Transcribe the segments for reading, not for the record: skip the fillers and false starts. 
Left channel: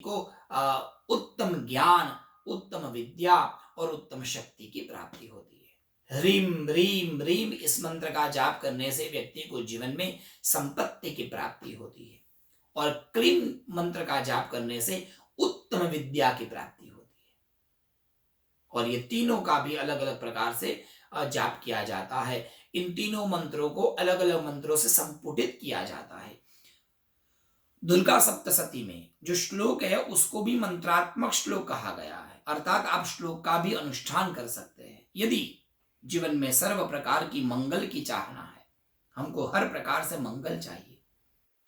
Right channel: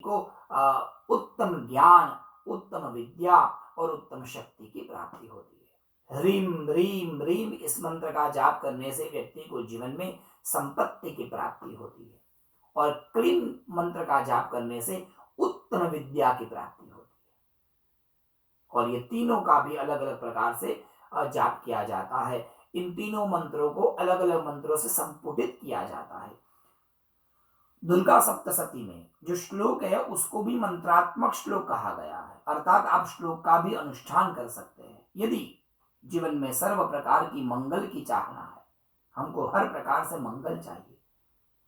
को उत्तम ज्ञान, उत्तम विद्या और उत्तम शक्ति की प्राप्ति होती है। ह्रीम ह्रीम ह्रीम इस मंत्र का जाप करने से व्यक्ति को जीवन में संपत्ति की प्राप्ति होती है और क्लीम मंत्र का जाप करने से उत्तम विद्या की प्राप्ति होती है। और ये तीनों का भी अलग अलग प्रकार से जाप किया जाता है। इन तीनों मंत्रों को अलग अलग मंत्रों से संपुटित किया जाता है। दुर्गा सप्तशती में जो श्लोक है उसको भी मंत्रात्मक श्लोक कहा गया है, अर्थात आप श्लोक का भी अनुष्ठान कर सकते हैं। यदि जीवन में सर्व प्रकार की मंगल की चाहना है, हमको हर प्रकार से मंगल चाहिए,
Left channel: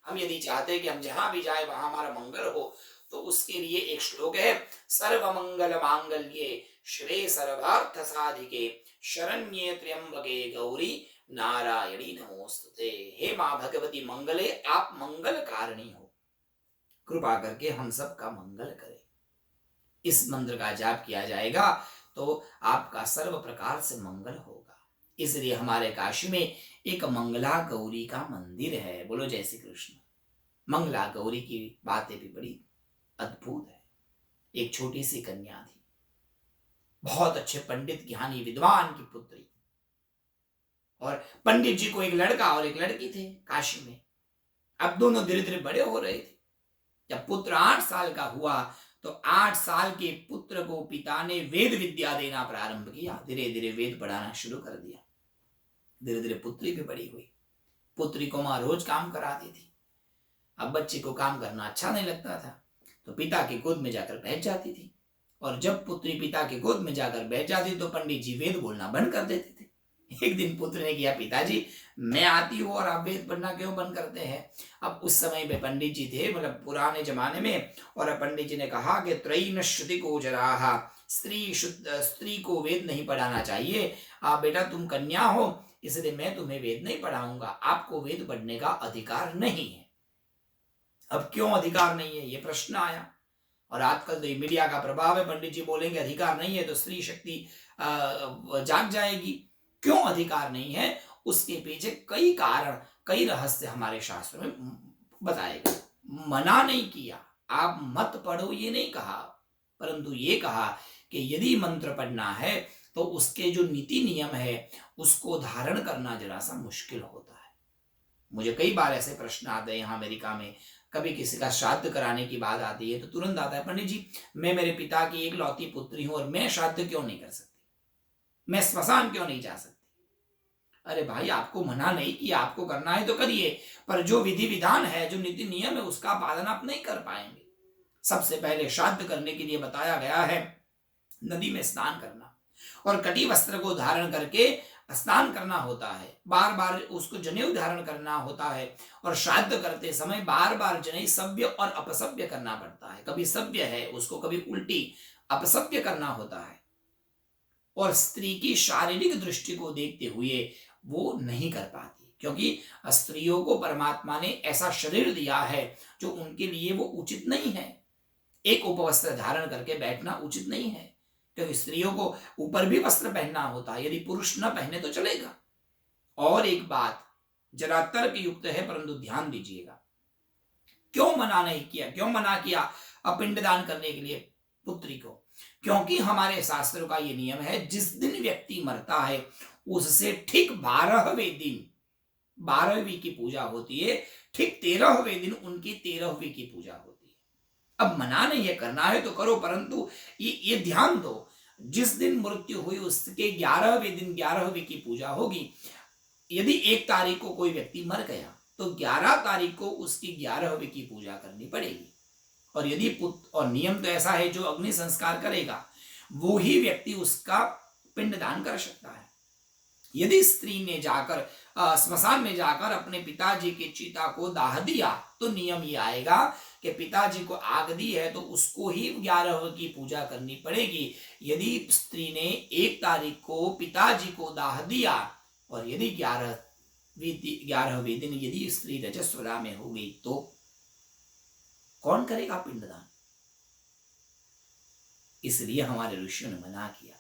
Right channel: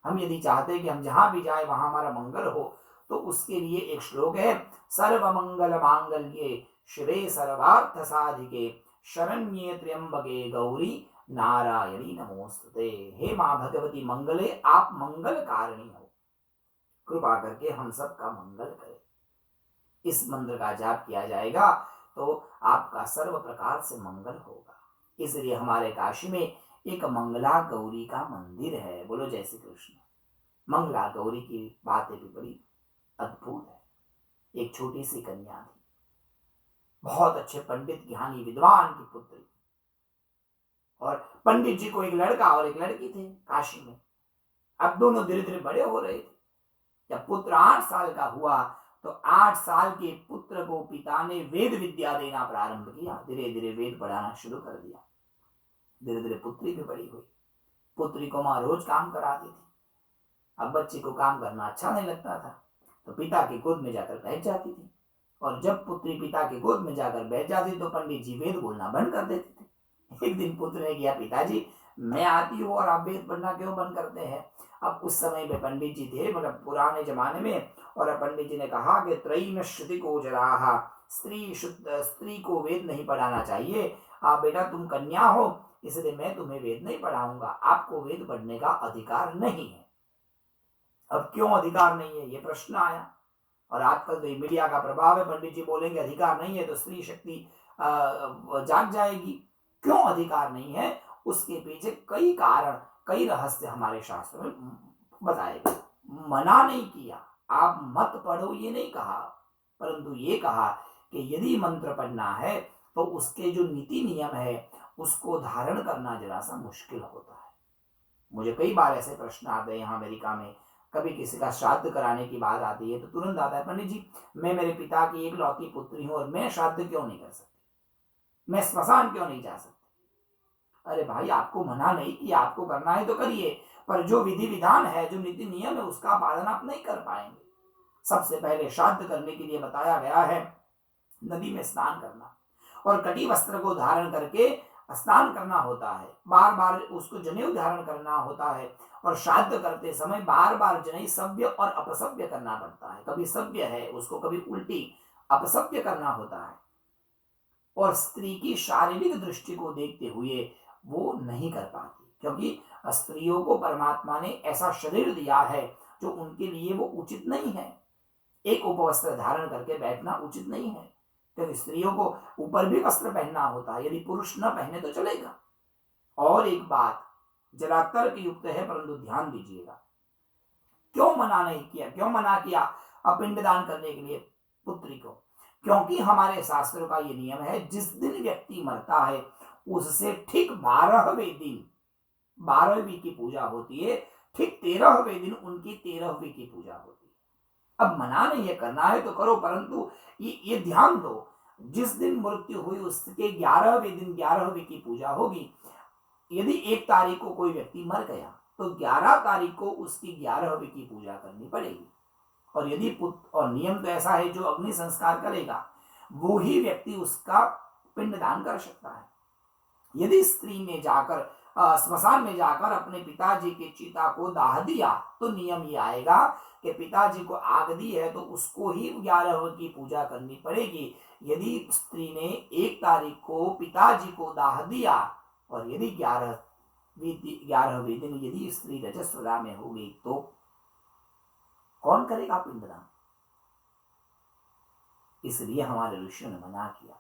हम यदि चाहते हैं कि हम जहां भी जाए वहां हमारा मंगल हो, तो उसके लिए एक श्लोक है, सर्व मंगल मांगल्ये शिवे सर्वार्थ साधिके शरण्ये त्र्यंबके गौरी नारायणी नमोस्तुते। हे मां भगवती मंगले, आप मंगल कारिणी हो, कृपा करके हम सब का मंगल करें। इस मंत्र का जाप किया जाएगा तो आपका सर्व प्रकार से मंगल होगा। इसलिए हमारे काशी में एक मंगला गौरी का मंदिर है। बोलो जय श्री कृष्ण। मंगला गौरी की बातें भी बड़ी अद्भुत है। एक छोटी सी कन्या थी, बहुत अच्छे पंडित ज्ञानी विद्वान की पुत्री, और पंडित जी को एक लड़का और एक लड़की थे काशी में। अब दोनों धीरे धीरे बड़े हो रहे थे। जब पुत्र 8 साल का हुआ तो 8 साल के पुत्र को पिता ने वेद विद्या देना प्रारंभ किया। धीरे धीरे वेद पढ़ाना शुरू कर दिया। धीरे धीरे पुत्री भी बड़ी हुई। पुत्री को मां रोज काम कराती थी। अब बच्चे को काम करना अच्छा नहीं लगता था तो पिता की गोद में जाकर बैठ जाती थी, और जब पुत्री पिता की गोद में जाकर बैठ जाती तो पंडित जी वेद बोलना बंद कर देते थे। एक दिन पुत्र ने किया, पिताजी मैं आती हूँ और आप वेद पढ़ना क्यों बंद करते हैं? अब उस समय में पंडित जी थे, मतलब पुराने जमाने में, और पंडित जी ने कहा कि त्रयी न श्रुति को जराहा, स्त्री को वेद नहीं पढ़ाना चाहिए। बेटा तुम कन्या हो, इसलिए मैं तुम्हें वेद नहीं पढ़ाऊंगा, आपको वेद पढ़ने का अधिकार नहीं है। अब क्यों अधिकार नहीं है, ये प्रश्न आया। और आजकल तो मीडिया का प्रभाव है, पंडित जी बोलेंगे अधिकार नहीं है तो स्त्री शक्ति जाग जाएगी। क्यों अधिकार नहीं है, उसके पीछे कई कारण, कई रहस्य हमारे शास्त्रों में बताए गए। मना नहीं किया, आप मत पढ़ो ये नहीं कहा, परंतु ये कहा कि यदि मंत्र पढ़ना है तो उसके जो नीति नियम है उसको धारण करना जरा सा मुश्किल होता है। मुझे कई बार ऐसे प्रश्न आते हैं यहाँ अमेरिका में, कभी किसी का श्राद्ध कराने की बात आती है तो तुरंत आता है, पंडित जी मैं मेरे पिता की एक लौती पुत्री हूं और मैं श्राद्ध क्यों नहीं कर सकती, मैं स्मशान क्यों नहीं जा सकती? अरे भाई, आपको मना नहीं किया, आपको करना है तो करिए, पर जो विधि विधान है, जो नीति नियम है, उसका पालन आप नहीं कर पाएंगे। सबसे पहले श्राद्ध करने के लिए बताया गया है नदी में स्नान करना, और कटी वस्त्र को धारण करके स्नान करना होता है। बार बार उसको जनेऊ धारण करना होता है, और श्राद्ध करते समय बार बार जनेऊ सभ्य और अपसभ्य करना पड़ता है। कभी सभ्य है उसको कभी उल्टी अपसभ्य करना होता है, और स्त्री की शारीरिक दृष्टि को देखते हुए वो नहीं कर पाती, क्योंकि स्त्रियों को परमात्मा ने ऐसा शरीर दिया है जो उनके लिए वो उचित नहीं है। एक उपवस्त्र धारण करके बैठना उचित नहीं है, क्योंकि स्त्रियों को ऊपर भी वस्त्र पहनना होता है, यदि पुरुष न पहने तो चलेगा। और एक बात जरा तर्क युक्त है, परंतु ध्यान दीजिएगा, क्यों मना नहीं किया, क्यों मना किया पिंडदान करने के लिए पुत्री को? क्योंकि हमारे शास्त्रों का ये नियम है, जिस दिन व्यक्ति मरता है उससे ठीक 12वें दिन 12वीं की पूजा होती है, ठीक 13वें दिन उनकी 13वीं की पूजा होती है। अब मना नहीं है, करना है तो करो, परंतु ये ध्यान दो, जिस दिन मृत्यु हुई उसके 11वें दिन 11वीं की पूजा होगी। यदि 1 तारीख को कोई व्यक्ति मर गया तो 11 तारीख को उसकी 11वीं की पूजा करनी पड़ेगी। और यदि पुत्र, और नियम तो ऐसा है, जो अग्नि संस्कार करेगा वो ही व्यक्ति उसका पिंडदान कर सकता है। यदि स्त्री ने जाकर स्मशान में जाकर अपने पिताजी की चिता को दाह दिया तो नियम ये आएगा कि पिताजी को आग दी है तो उसको ही 11वीं की पूजा करनी पड़ेगी। यदि स्त्री ने 1 तारीख को पिताजी को दाह दिया, और यदि 11वें दिन यदि स्त्री रजस्वला में हो गई तो कौन करेगा पिंडदान? इसलिए हमारे ऋषियों ने मना किया।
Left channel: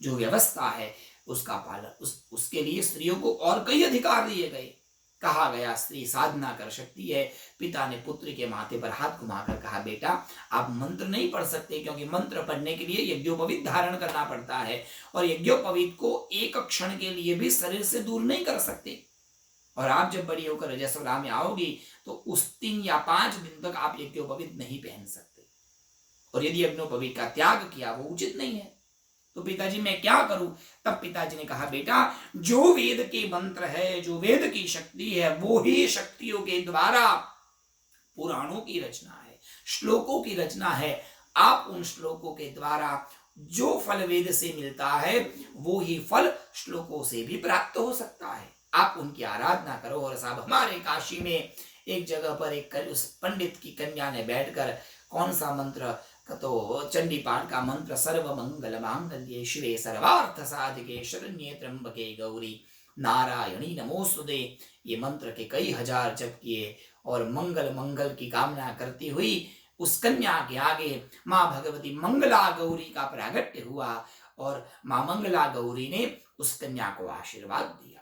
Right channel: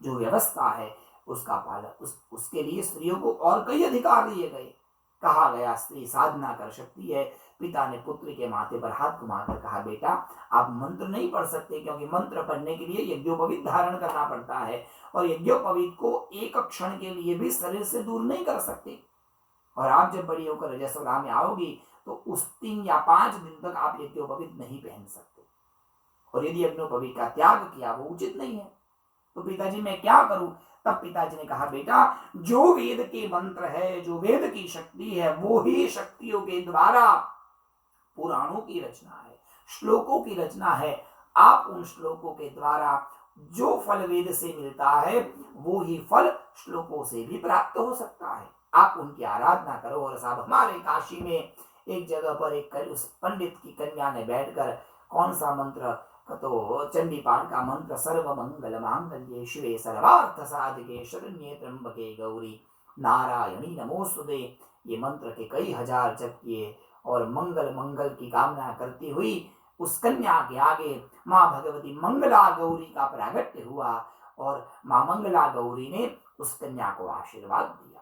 जो व्यवस्था है उसका पालन, उसके लिए स्त्रियों को और कई अधिकार दिए गए। कहा गया स्त्री साधना कर सकती है। पिता ने पुत्र के माथे पर हाथ घुमाकर कहा, बेटा आप मंत्र नहीं पढ़ सकते, क्योंकि मंत्र पढ़ने के लिए यज्ञोपवीत धारण करना पड़ता है, और यज्ञोपवीत को एक क्षण के लिए भी शरीर से दूर नहीं कर सकते। और आप जब बड़ी होकर रजस्वला में आओगी तो उस 3 या 5 दिन तक आप यज्ञोपवीत नहीं पहन सकते, और यदि यज्ञोपवीत का त्याग किया वो उचित नहीं है। तो पिताजी मैं क्या करूं? तब पिताजी ने कहा, बेटा जो वेद के मंत्र है, जो वेद की शक्ति है, वो ही शक्तियों के द्वारा पुराणों की रचना है, श्लोकों की रचना है। आप उन श्लोकों के द्वारा जो फल वेद से मिलता है वो ही फल श्लोकों से भी प्राप्त हो सकता है। आप उनकी आराधना करो। और साहब हमारे काशी में एक जगह पर एक उस पंडित की कन्या ने बैठकर कौन सा मंत्र, तो चंडी पाठ का मंत्र, सर्व मंगल मांगल्ये शिवे सर्वार्थ साधिके शरण्ये त्र्यंबके गौरी नारायणी नमोस्तुते, ये मंत्र के कई हजार जप किए, और मंगल मंगल की कामना करती हुई उस कन्या के आगे माँ भगवती मंगला गौरी का प्रागट्य हुआ, और माँ मंगला गौरी ने उस कन्या को आशीर्वाद दिया।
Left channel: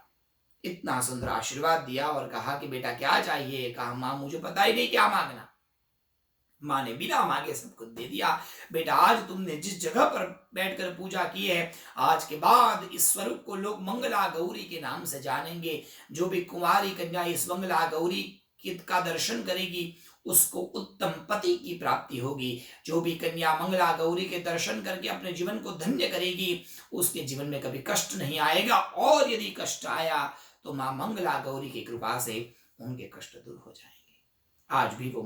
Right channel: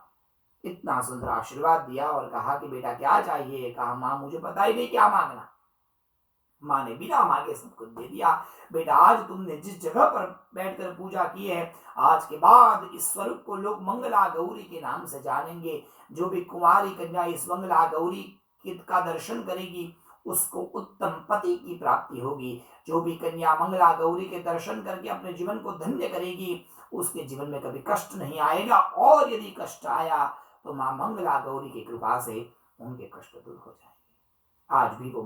इतना सुंदर आशीर्वाद दिया और कहा कि बेटा क्या चाहिए? कहा, माँ मुझे पता ही नहीं क्या मांगना। माँ ने बिना मांगे सब कुछ दे दिया। बेटा आज तुमने जिस जगह पर बैठकर पूजा की है, आज के बाद इस स्वरूप को लोग मंगला गौरी के नाम से जानेंगे। जो भी कुंवारी कन्या इस मंगला गौरी का दर्शन करेगी उसको उत्तम पति की प्राप्ति होगी। जो भी कन्या मंगला गौरी के दर्शन करके अपने जीवन को धन्य करेगी उसके जीवन में कभी कष्ट नहीं आएगा, और यदि कष्ट आया तो माँ मंगला गौरी की कृपा से उनके कष्ट दूर हो जाएंगे। आज भी वो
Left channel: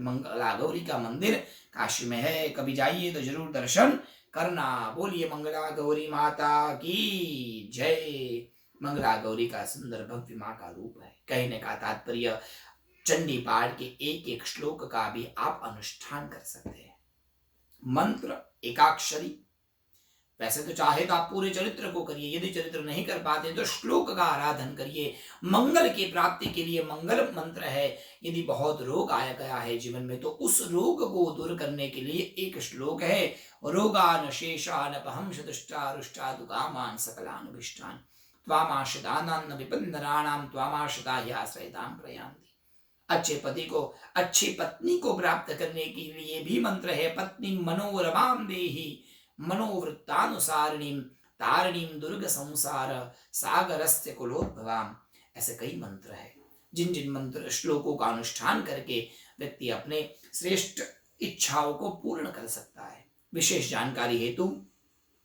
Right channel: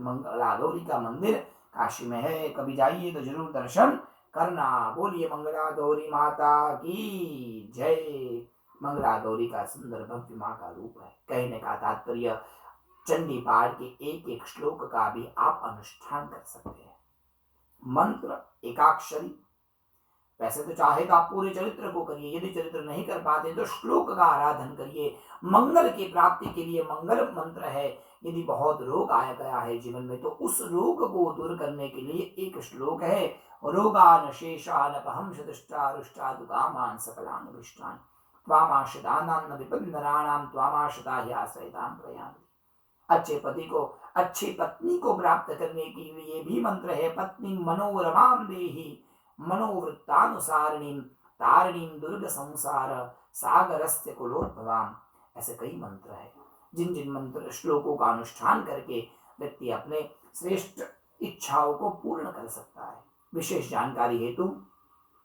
मंगला गौरी का मंदिर काशी में है, कभी जाइए तो जरूर दर्शन करना। बोलिए मंगला गौरी माता की जय। मंगला गौरी का सुंदर भव्य माँ का रूप है। कहने का तात्पर्य, चंडी पाठ के एक एक श्लोक का भी आप अनुष्ठान कर सकते हैं। मंत्र एकाक्षरी, वैसे तो चाहे तो आप पूरे चरित्र को करिए, यदि चरित्र नहीं कर पाते तो श्लोक का आराधन करिए। मंगल की प्राप्ति के लिए मंगल मंत्र है। यदि बहुत रोग आया गया है जीवन में तो उस रोग को दूर करने के लिए एक श्लोक है, रोगान शेषान अपहंस दुष्टा रुष्टा दुकामान सकलान विष्टान त्वामाश्रितानां विपन्नराणां त्वामाश्रिता हि आश्रयतां प्रयान्ति। अच्छे पति को, अच्छी पत्नी को प्राप्त करने के लिए भी मंत्र है। पत्नी मनोरमां देहि मनोवृत्तानुसारिणीं तारिणीं दुर्ग संसार सागरस्य कुलोद्भवाम। ऐसे कई मंत्र है जिन जिन मंत्र श्लोकों का अनुष्ठान करके व्यक्ति अपने श्रेष्ठ इच्छाओं को पूर्ण कर सकता है। विशेष जानकारी हेतु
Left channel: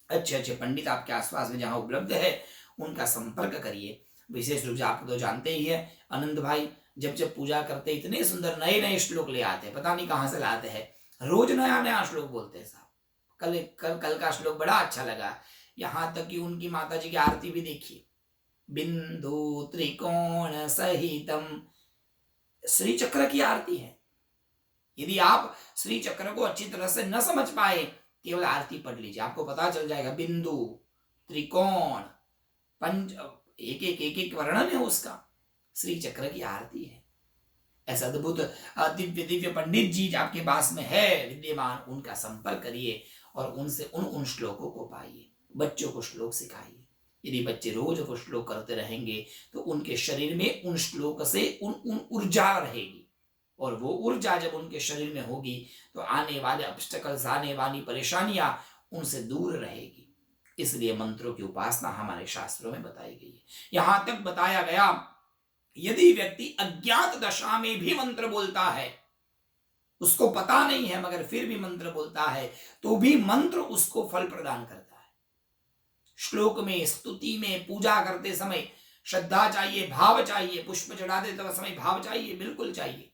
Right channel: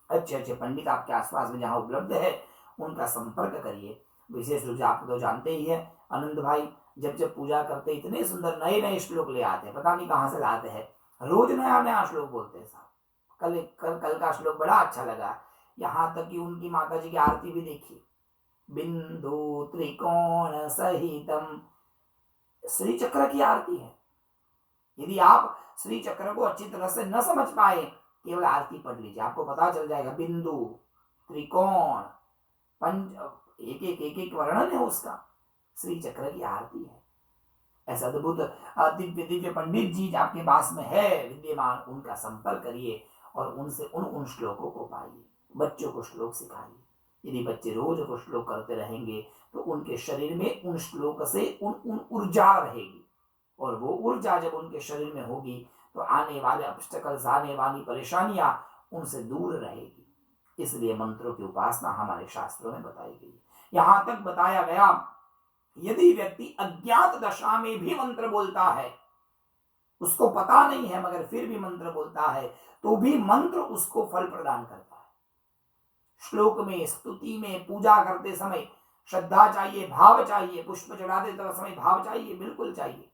अच्छे अच्छे पंडित आपके आसपास में जहां उपलब्ध है उनका संपर्क करिए। विशेष रूप से आप तो जानते ही है, आनंद भाई जब जब पूजा करते इतने सुंदर नए नए श्लोक ले आते हैं, पता नहीं कहां से लाते हैं, रोज नया नया श्लोक बोलते हैं साहब। कल का श्लोक बड़ा अच्छा लगा, यहाँ तक कि उनकी माता जी की आरती भी देखिए, बिंदु त्रिकोण सहितम, श्री चक्र की आरती है। यदि आप श्री चक्र को अच्छी तरह से न समझ पाए, केवल आरती पढ़ लीजिए, आपको पता चल जाएगा। बिंदु त्रिकोण पंच, एक एक वर्णन है उसका, श्री चक्र की आरती है। ऐसा अद्भुत दिव्य दिव्य पंडित जी आपके पास में है विद्यमान, उनका संपर्क करिए और उनसे उन श्लोकों को पाइए। बच्चों को श्लोक सिखाइए। यदि बच्चे रोज वो श्लोक करते रहेंगे तो उनके शरीर में उन श्लोक से उन ऊर्जा रहेगी, और वो ऊर्जा जब उनके शरीर में होगी तो आने वाले ऑब्स्टेकल्स, आने वाली परेशानियां उनसे दूर रहेगी। इसलिए मंत्रों की उपासना हमारे शास्त्रों में बताई गई है। यहां तक बताया गया, यदि व्यक्ति अज्ञात दशा में भी मंत्र बोलता है, उसको पता नहीं है मगर फिर भी मंत्र बोलता है, तो भी मंत्र उसको फल प्रदान करता है। श्लोक में, स्तुति में, पूजा करते समय श्रद्धा चाहिए, भाव चाहिए, पुष्प चढ़ाते समय भाव चाहिए, बिल्कुल चाहिए।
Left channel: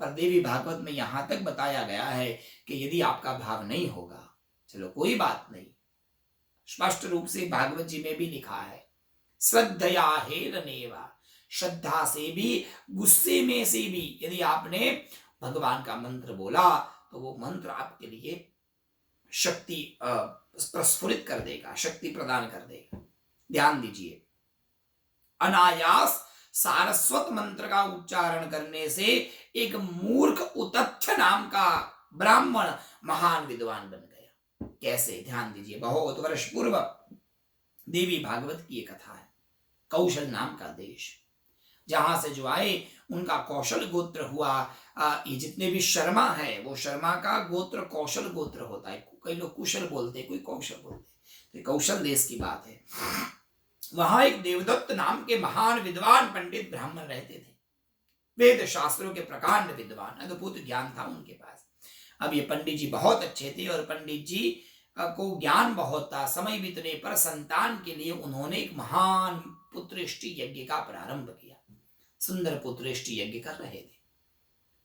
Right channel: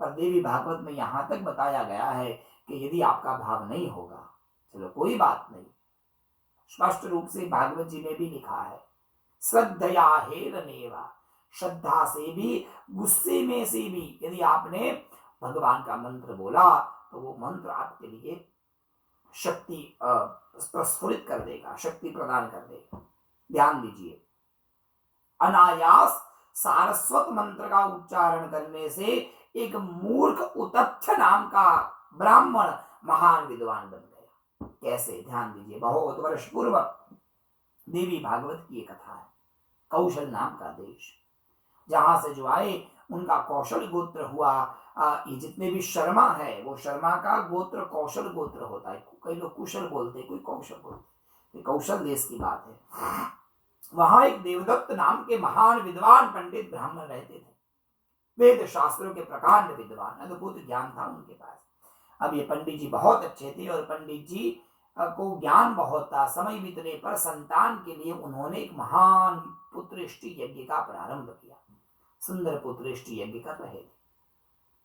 पर देवी भागवत में यहां तक बताया गया है कि यदि आपका भाव नहीं होगा, चलो कोई बात नहीं, स्पष्ट रूप से भागवत जी में भी लिखा है, श्रद्धया हेलनेवा, श्रद्धा से भी, गुस्से में से भी यदि आपने भगवान का मंत्र बोला तो वो मंत्र आपके लिए शक्ति प्रस्फुरित कर देगा, शक्ति प्रदान कर देगा। ध्यान दीजिए, अनायास सारस्वत मंत्र का उच्चारण करने से एक मूर्ख उतथ्य नाम का ब्राह्मण महान विद्वान बन गया। कैसे? ध्यान दीजिए, बहुत वर्ष पूर्व देवी भागवत की एक कथा है। कौशल नाम का देश, जहां से जो आए उनका कौशल गोत्र हुआ। ये जितने भी शर्मा है वो शर्मा का गोत्र कौशल गोत्र होता है। कई लोग कुशल बोलते हैं, कोई कौशल बोलते हैं, तो कौशल देश की बात है। वहां एक देवदत्त नाम के महान विद्वान पंडित ब्राह्मण रहते थे। वेद शास्त्रों के प्रकांड विद्वान, अद्भुत ज्ञान था उनके पास। अब ये पंडित जी बहुत अच्छे थे और पंडित जी को ज्ञान बहुत था। समय बीतने पर संतान के लिए उन्होंने एक महान पुत्रेष्टि यज्ञ का प्रारंभ किया। सुंदर पुत्रेष्टि यज्ञ कर रहे थे।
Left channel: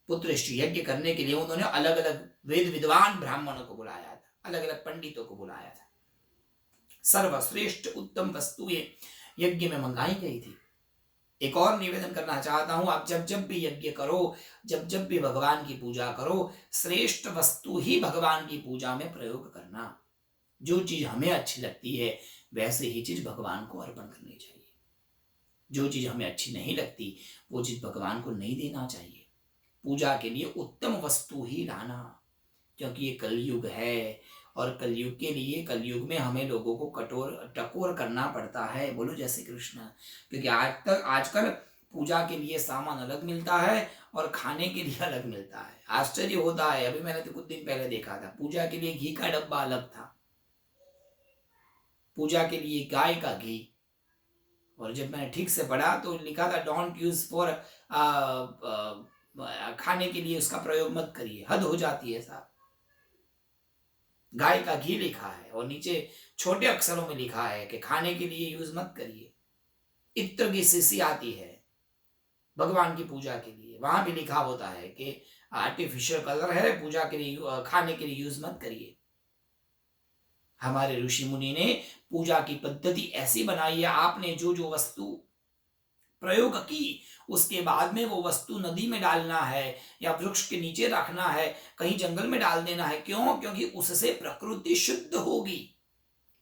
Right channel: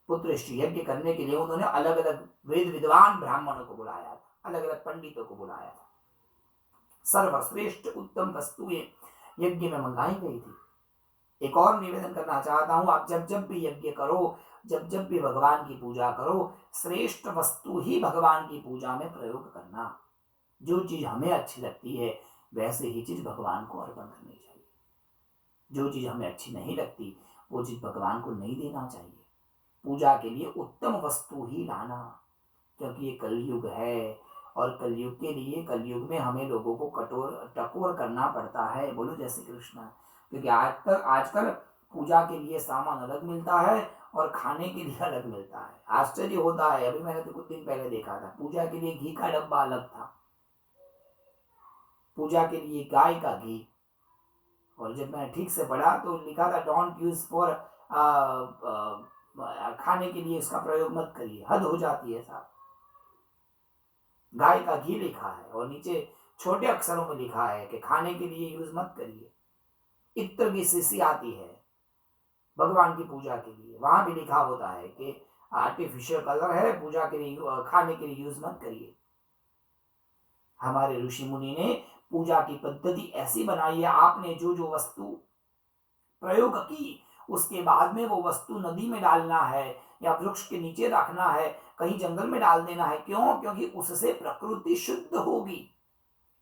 पुत्रेष्टि यज्ञ करने के लिए उन्होंने अलग अलग वेद विद्वान ब्राह्मणों को बुलाया था, अलग अलग पंडितों को बुलाया था। सर्वश्रेष्ठ उत्तम वस्तुएं यज्ञ में मंगाई गई थी। एक और निवेदन करना चाहता हूं, आप जब जब भी यज्ञ करो, जब जब भी भगवान की पूजा करो, श्रेष्ठ वस्तु ही भगवान की पूजा में प्रयोग करना। जो चीज हमें अच्छी लगती है वैसे ही चीज भगवान को अर्पण करनी चाहिए। जो चीज हमें अच्छी नहीं लगती वो चीज भगवान को नहीं देना चाहिए। पूजा के लिए उत्तम वस्तु ही लाना, क्योंकि ये कलयुग है और कलयुग के लिए, कलयुग में हमें लोगों को टकोर करना पड़ता है। बोलो जय श्री कृष्ण। क्योंकि आजकल पूजा के लिए सामान अलग मिलता है और खाने के लिए अलग मिलता है। आश्चर्य होता है, अभी मैंने तो कुछ दिन पहले देखा था, पूजा के लिए घी का डब्बा अलग था, पूजा के लिए गाय का घी, और जब मैंने ठीक से पढ़ा तो लिखा था डोंट यूज फॉर खाने के लिए, उसका प्रयोग मत करिए। हद हो जाती है साहब। गाय का घी लिखा है और नीचे छोटे अक्षरों में लिखा है कि खाने के लिए यूज मत करिए। इत्र की शीशी आती है भगवान की पूजा के लिए, वहां भी लिखा होता है कि आर्टिफिशियल कलर है, पूजा के लिए, खाने के लिए यूज मत करिए। हमारे ऋषि मुनि ने पूजा की पद्धति ऐसी बनाई है, आपने जो जो वस्तु प्रयोग की उसके बाद में वो वस्तु नदी में डालना है या वृक्ष के नीचे रखना है, कहीं जंगल में डाल देना है। क्यों? क्योंकि उससे प्रकृति शुद्ध होगी।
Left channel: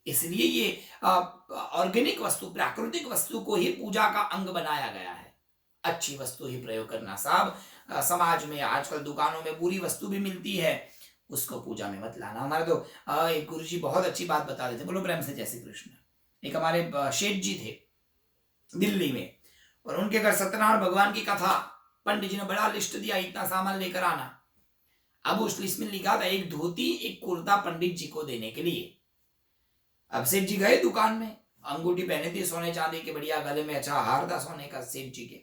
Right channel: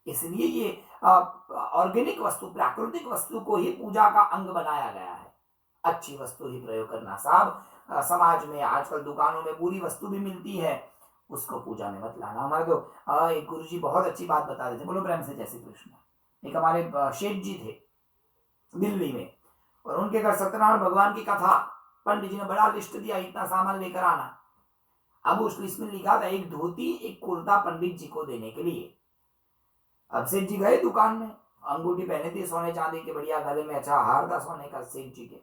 इसलिए ये ऑर्गेनिक वस्तु, प्राकृतिक वस्तु को ही पूजा का अंग बनाया गया है। अच्छी वस्तु ही प्रयोग करना साहब। समाज में आजकल दुकानों में बुरी वस्तु भी मिलती है, उसको पूजा में मत लाना। हमारे तो एक गुरु जी बहुत अच्छी बात बता रहे थे, बोलो प्रेम से जय श्री कृष्ण। एक हमारे शेठ जी थे दिल्ली में, और उनके घर सत्यनारायण भगवान की कथा, पंडित जी ने बड़ा लिस्ट दिया, इतना सामान लेकर आना। अब उस लिस्ट में लिखा था एक धोती एक कुर्ता पंडित जी को देने के लिए। अब सेठ जी गए दुकान में, अंगूठी पहने थी सोने चांदी के, बढ़िया, गले में अच्छा हार था सोने का। सेठ जी के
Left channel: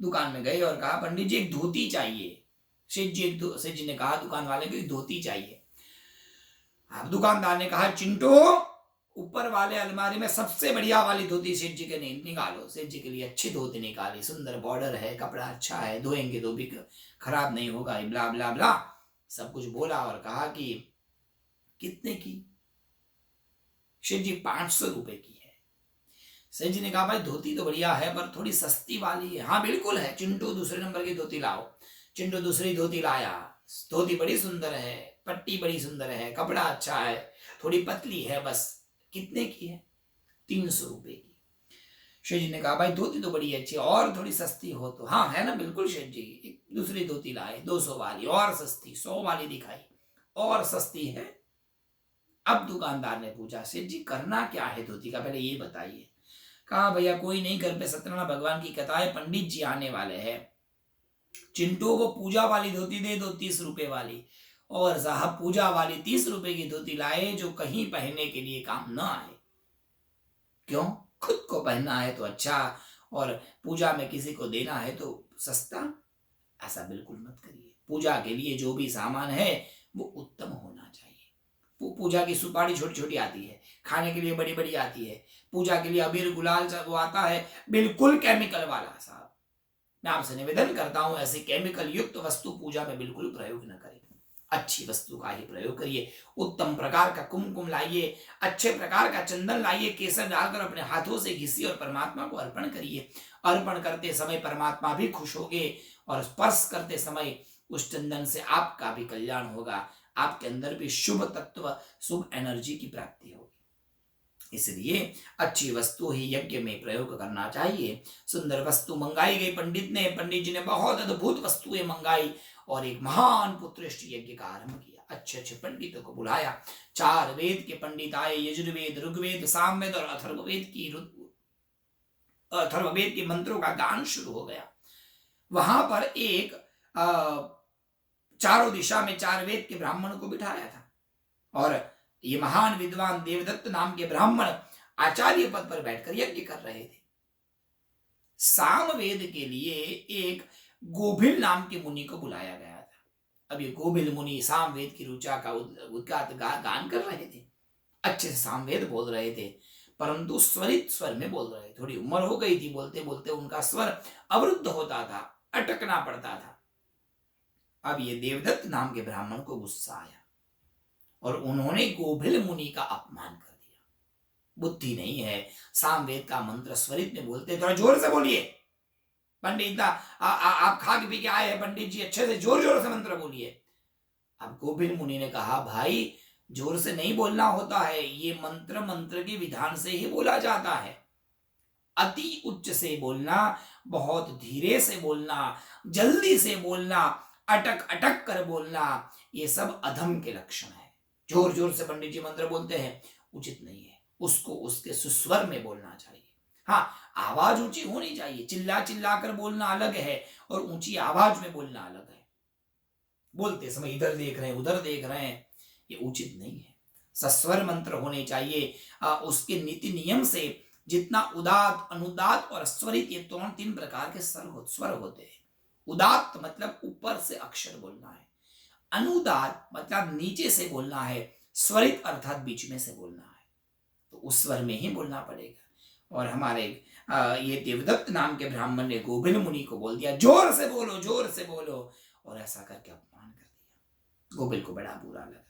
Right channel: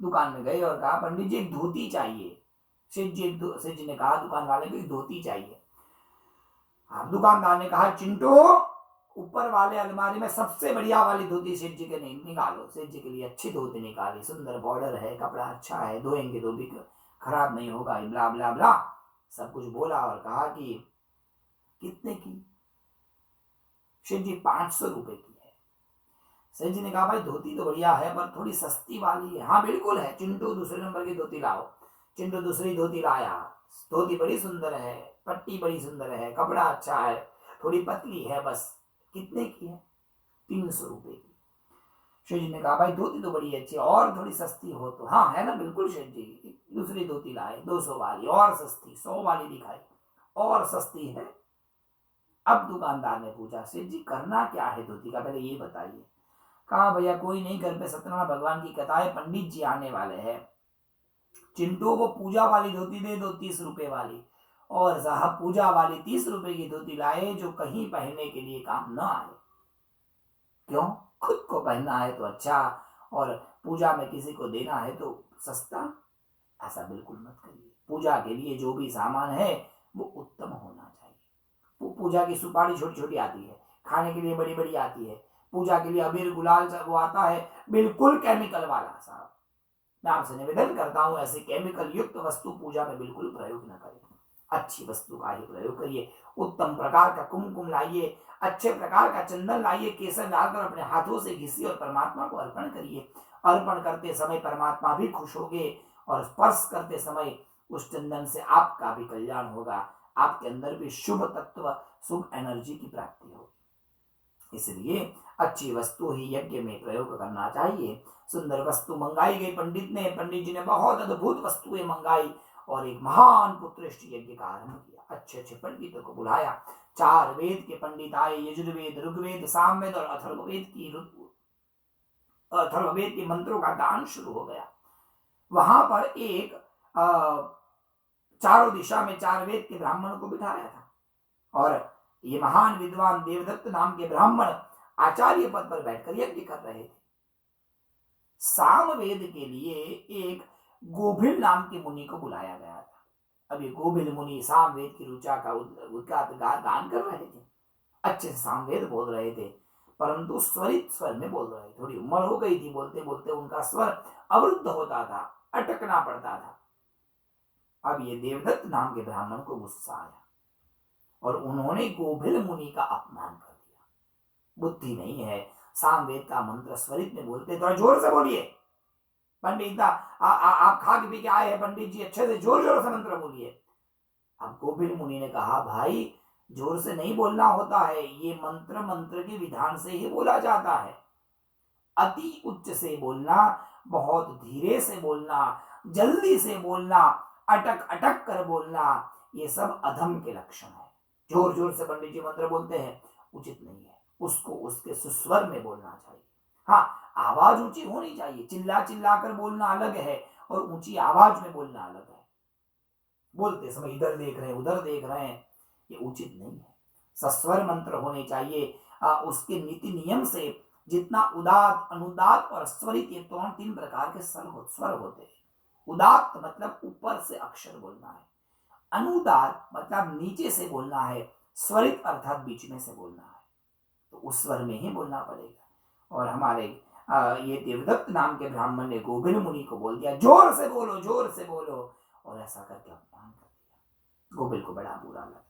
दुकान में गए और कहा पंडित जी एक धोती चाहिए। सेठ जी ने कहा दुकान वाले को एक धोती चाहिए। अब दुकानदार ने कहा चिंटू, ऊपर वाले अलमारी में सबसे बढ़िया वाली धोती सेठ जी के निकालो। सेठ जी के लिए अच्छी धोती निकाली, सुंदर बॉर्डर है, कपड़ा अच्छा है, धोएंगे तो भी खराब नहीं होगा, ब्ला ब्ला ब्ला सब कुछ बोला और कहा कि कितने की? सेठ जी 500 रुपए की है। सेठ जी ने कहा भाई धोती तो बढ़िया है पर थोड़ी सस्ती वाली है। हाँ बिल्कुल है, चिंटू दूसरे नंबर की धोती लाओ। चिंटू दूसरी धोती लाया, धोती बड़ी सुंदर है, पट्टी बड़ी सुंदर है, कपड़ा अच्छा है, थोड़ी पतली है, बस कितने की है? 300 रुपए की। शेठ जी ने कहा भाई धोती तो बड़ी अच्छी है, और थोड़ी सस्ती हो तो? हाँ है ना, बिल्कुल शेठ जी। एक दूसरी धोती लाए 200 वाली, और सस्ती 100 वाली दिखाई, और सस्ती है। अब दुकानदार ने पूछा सेठ जी करना क्या है धोती का, पहले ये बताइए। कहा भैया कोई नहीं, घर पे सत्यनारायण भगवान की कथा है, पंडित जी आने वाले हैं, चिंटू को पूजा वाली धोती दे दो 30 रुपए वाली। और साहब पूजा वाली 30 रुपए की धोती लाए जो कहीं पहनने के लिए काम न आए। क्यों? खुद को पहनना है तो अच्छा, और पूजा में किसी को देना है तो सस्ता। ऐसा बिल्कुल मत करिए। पूजा के लिए जो भी सामान है वो उत्तम होना चाहिए। पूजा की सुपारी छोटी छोटी आती है, खाने के लिए बड़ी बड़ी आती है, पूजा के लिए अबीर गुलाल वो आता है बिल्कुल केमिकल वाला। साहब मैं आपसे निवेदन करता हूं ऐसी केमिकल युक्त वस्तु पूजा में बिल्कुल प्रयोग न करें। अच्छी वस्तु का ही प्रयोग करिए। उत्तम प्रकार का कुमकुम लाइए, अच्छे प्रकार का चंदन लाइए, केसर डालकर अपने हाथों से घिसिए और परमात्मा को अर्पण करिए। अर्पण करते समय परमात्मा भी खुश होंगे और स्पर्श करते समय उस चंदन से आपका भी कल्याण होगा, आपके अंदर भी शुभ तत्व, शुभ एनर्जी की प्राप्ति होगी। इसलिए अच्छी वस्तु ही यज्ञ में प्रयोग करना चाहिए। सुंदर वस्तु मंगाई गई पंडित जी ने बहुत अद्भुत वस्तुएं मंगाई और एक महान पुत्रेष्टि यज्ञ का आरंभ किया। अच्छे अच्छे पंडितों को बुलाया, 4 वेद के पंडित आए, यजुर्वेद, ऋग्वेद, सामवेद और अथर्ववेद की अथर्ववेद के मंत्रों का गान शुरू हो गया। वहां पर एक चारों दिशा में 4 वेद के ब्राह्मणों को बिठाया था और ये महान विद्वान देवदत्त नाम के ब्राह्मण आचार्य पद पर बैठकर यज्ञ कर रहे थे। सामवेद के लिए एक गोभिल नाम के मुनि को बुलाया गया था। अब ये गोभिल मुनि सामवेद की ऋचा का उद्गात गान कर रहे थे, अच्छे से सामवेद बोल रहे थे, परंतु स्वरित स्वर में बोल रहे थे। थोड़ी उम्र हो गई थी, बोलते बोलते उनका स्वर अवरुद्ध होता था, अटकना पड़ता था। अब ये देवदत्त नाम के ब्राह्मण को गुस्सा आया और उन्होंने गोभिल मुनि का अपमान कर दिया। बुद्धि नहीं है, सामवेद का मंत्र स्वरित में बोलते, थोड़ा जोर से बोलिए पंडित, आप खा के पी के आए हैं पंडित जी, अच्छे से जोर जोर से मंत्र बोलिए। अब गोभिल मुनि ने कहा, भाई जोर से नहीं बोलना होता है, ये मंत्र मंत्र के विधान से ही बोला जाता है। अति उच्च से बोलना, बहुत धीरे से बोलना, जल्दी से बोलना, अटक अटक कर बोलना, ये सब अधम के लक्षण है। जोर जोर से पंडित जी मंत्र बोलते हैं, उचित नहीं है। उसको उसके सुस्वर में बोलना चाहिए। हाँ, आवाज ऊंची होनी चाहिए, चिल्ला चिल्ला कर बोलना अलग है और ऊंची आवाज में बोलना अलग है। बोलते समय इधर देख रहे हैं उधर देख रहे हैं, ये उचित नहीं है। सस्वर मंत्र होने चाहिए। उसके नीति नियम से जितना उदात, अनुदात और स्वरित, ये 3 प्रकार के स्वर होते हैं। उदात मतलब ऊपर से अक्षर बोलना है, अनुदात मतलब नीचे से बोलना है, स्वरित अर्थात बीच में से बोलना है। तो उस स्वर में ही बोलना पड़ेगा। और हमारे ये देवदत्त नाम के ब्राह्मण ने गोभिल मुनि को बोल दिया, जोर से बोलो, जोर से बोलो, और ऐसा करके अपमान कर दिया। गोभिल को बड़ा बुरा लगा,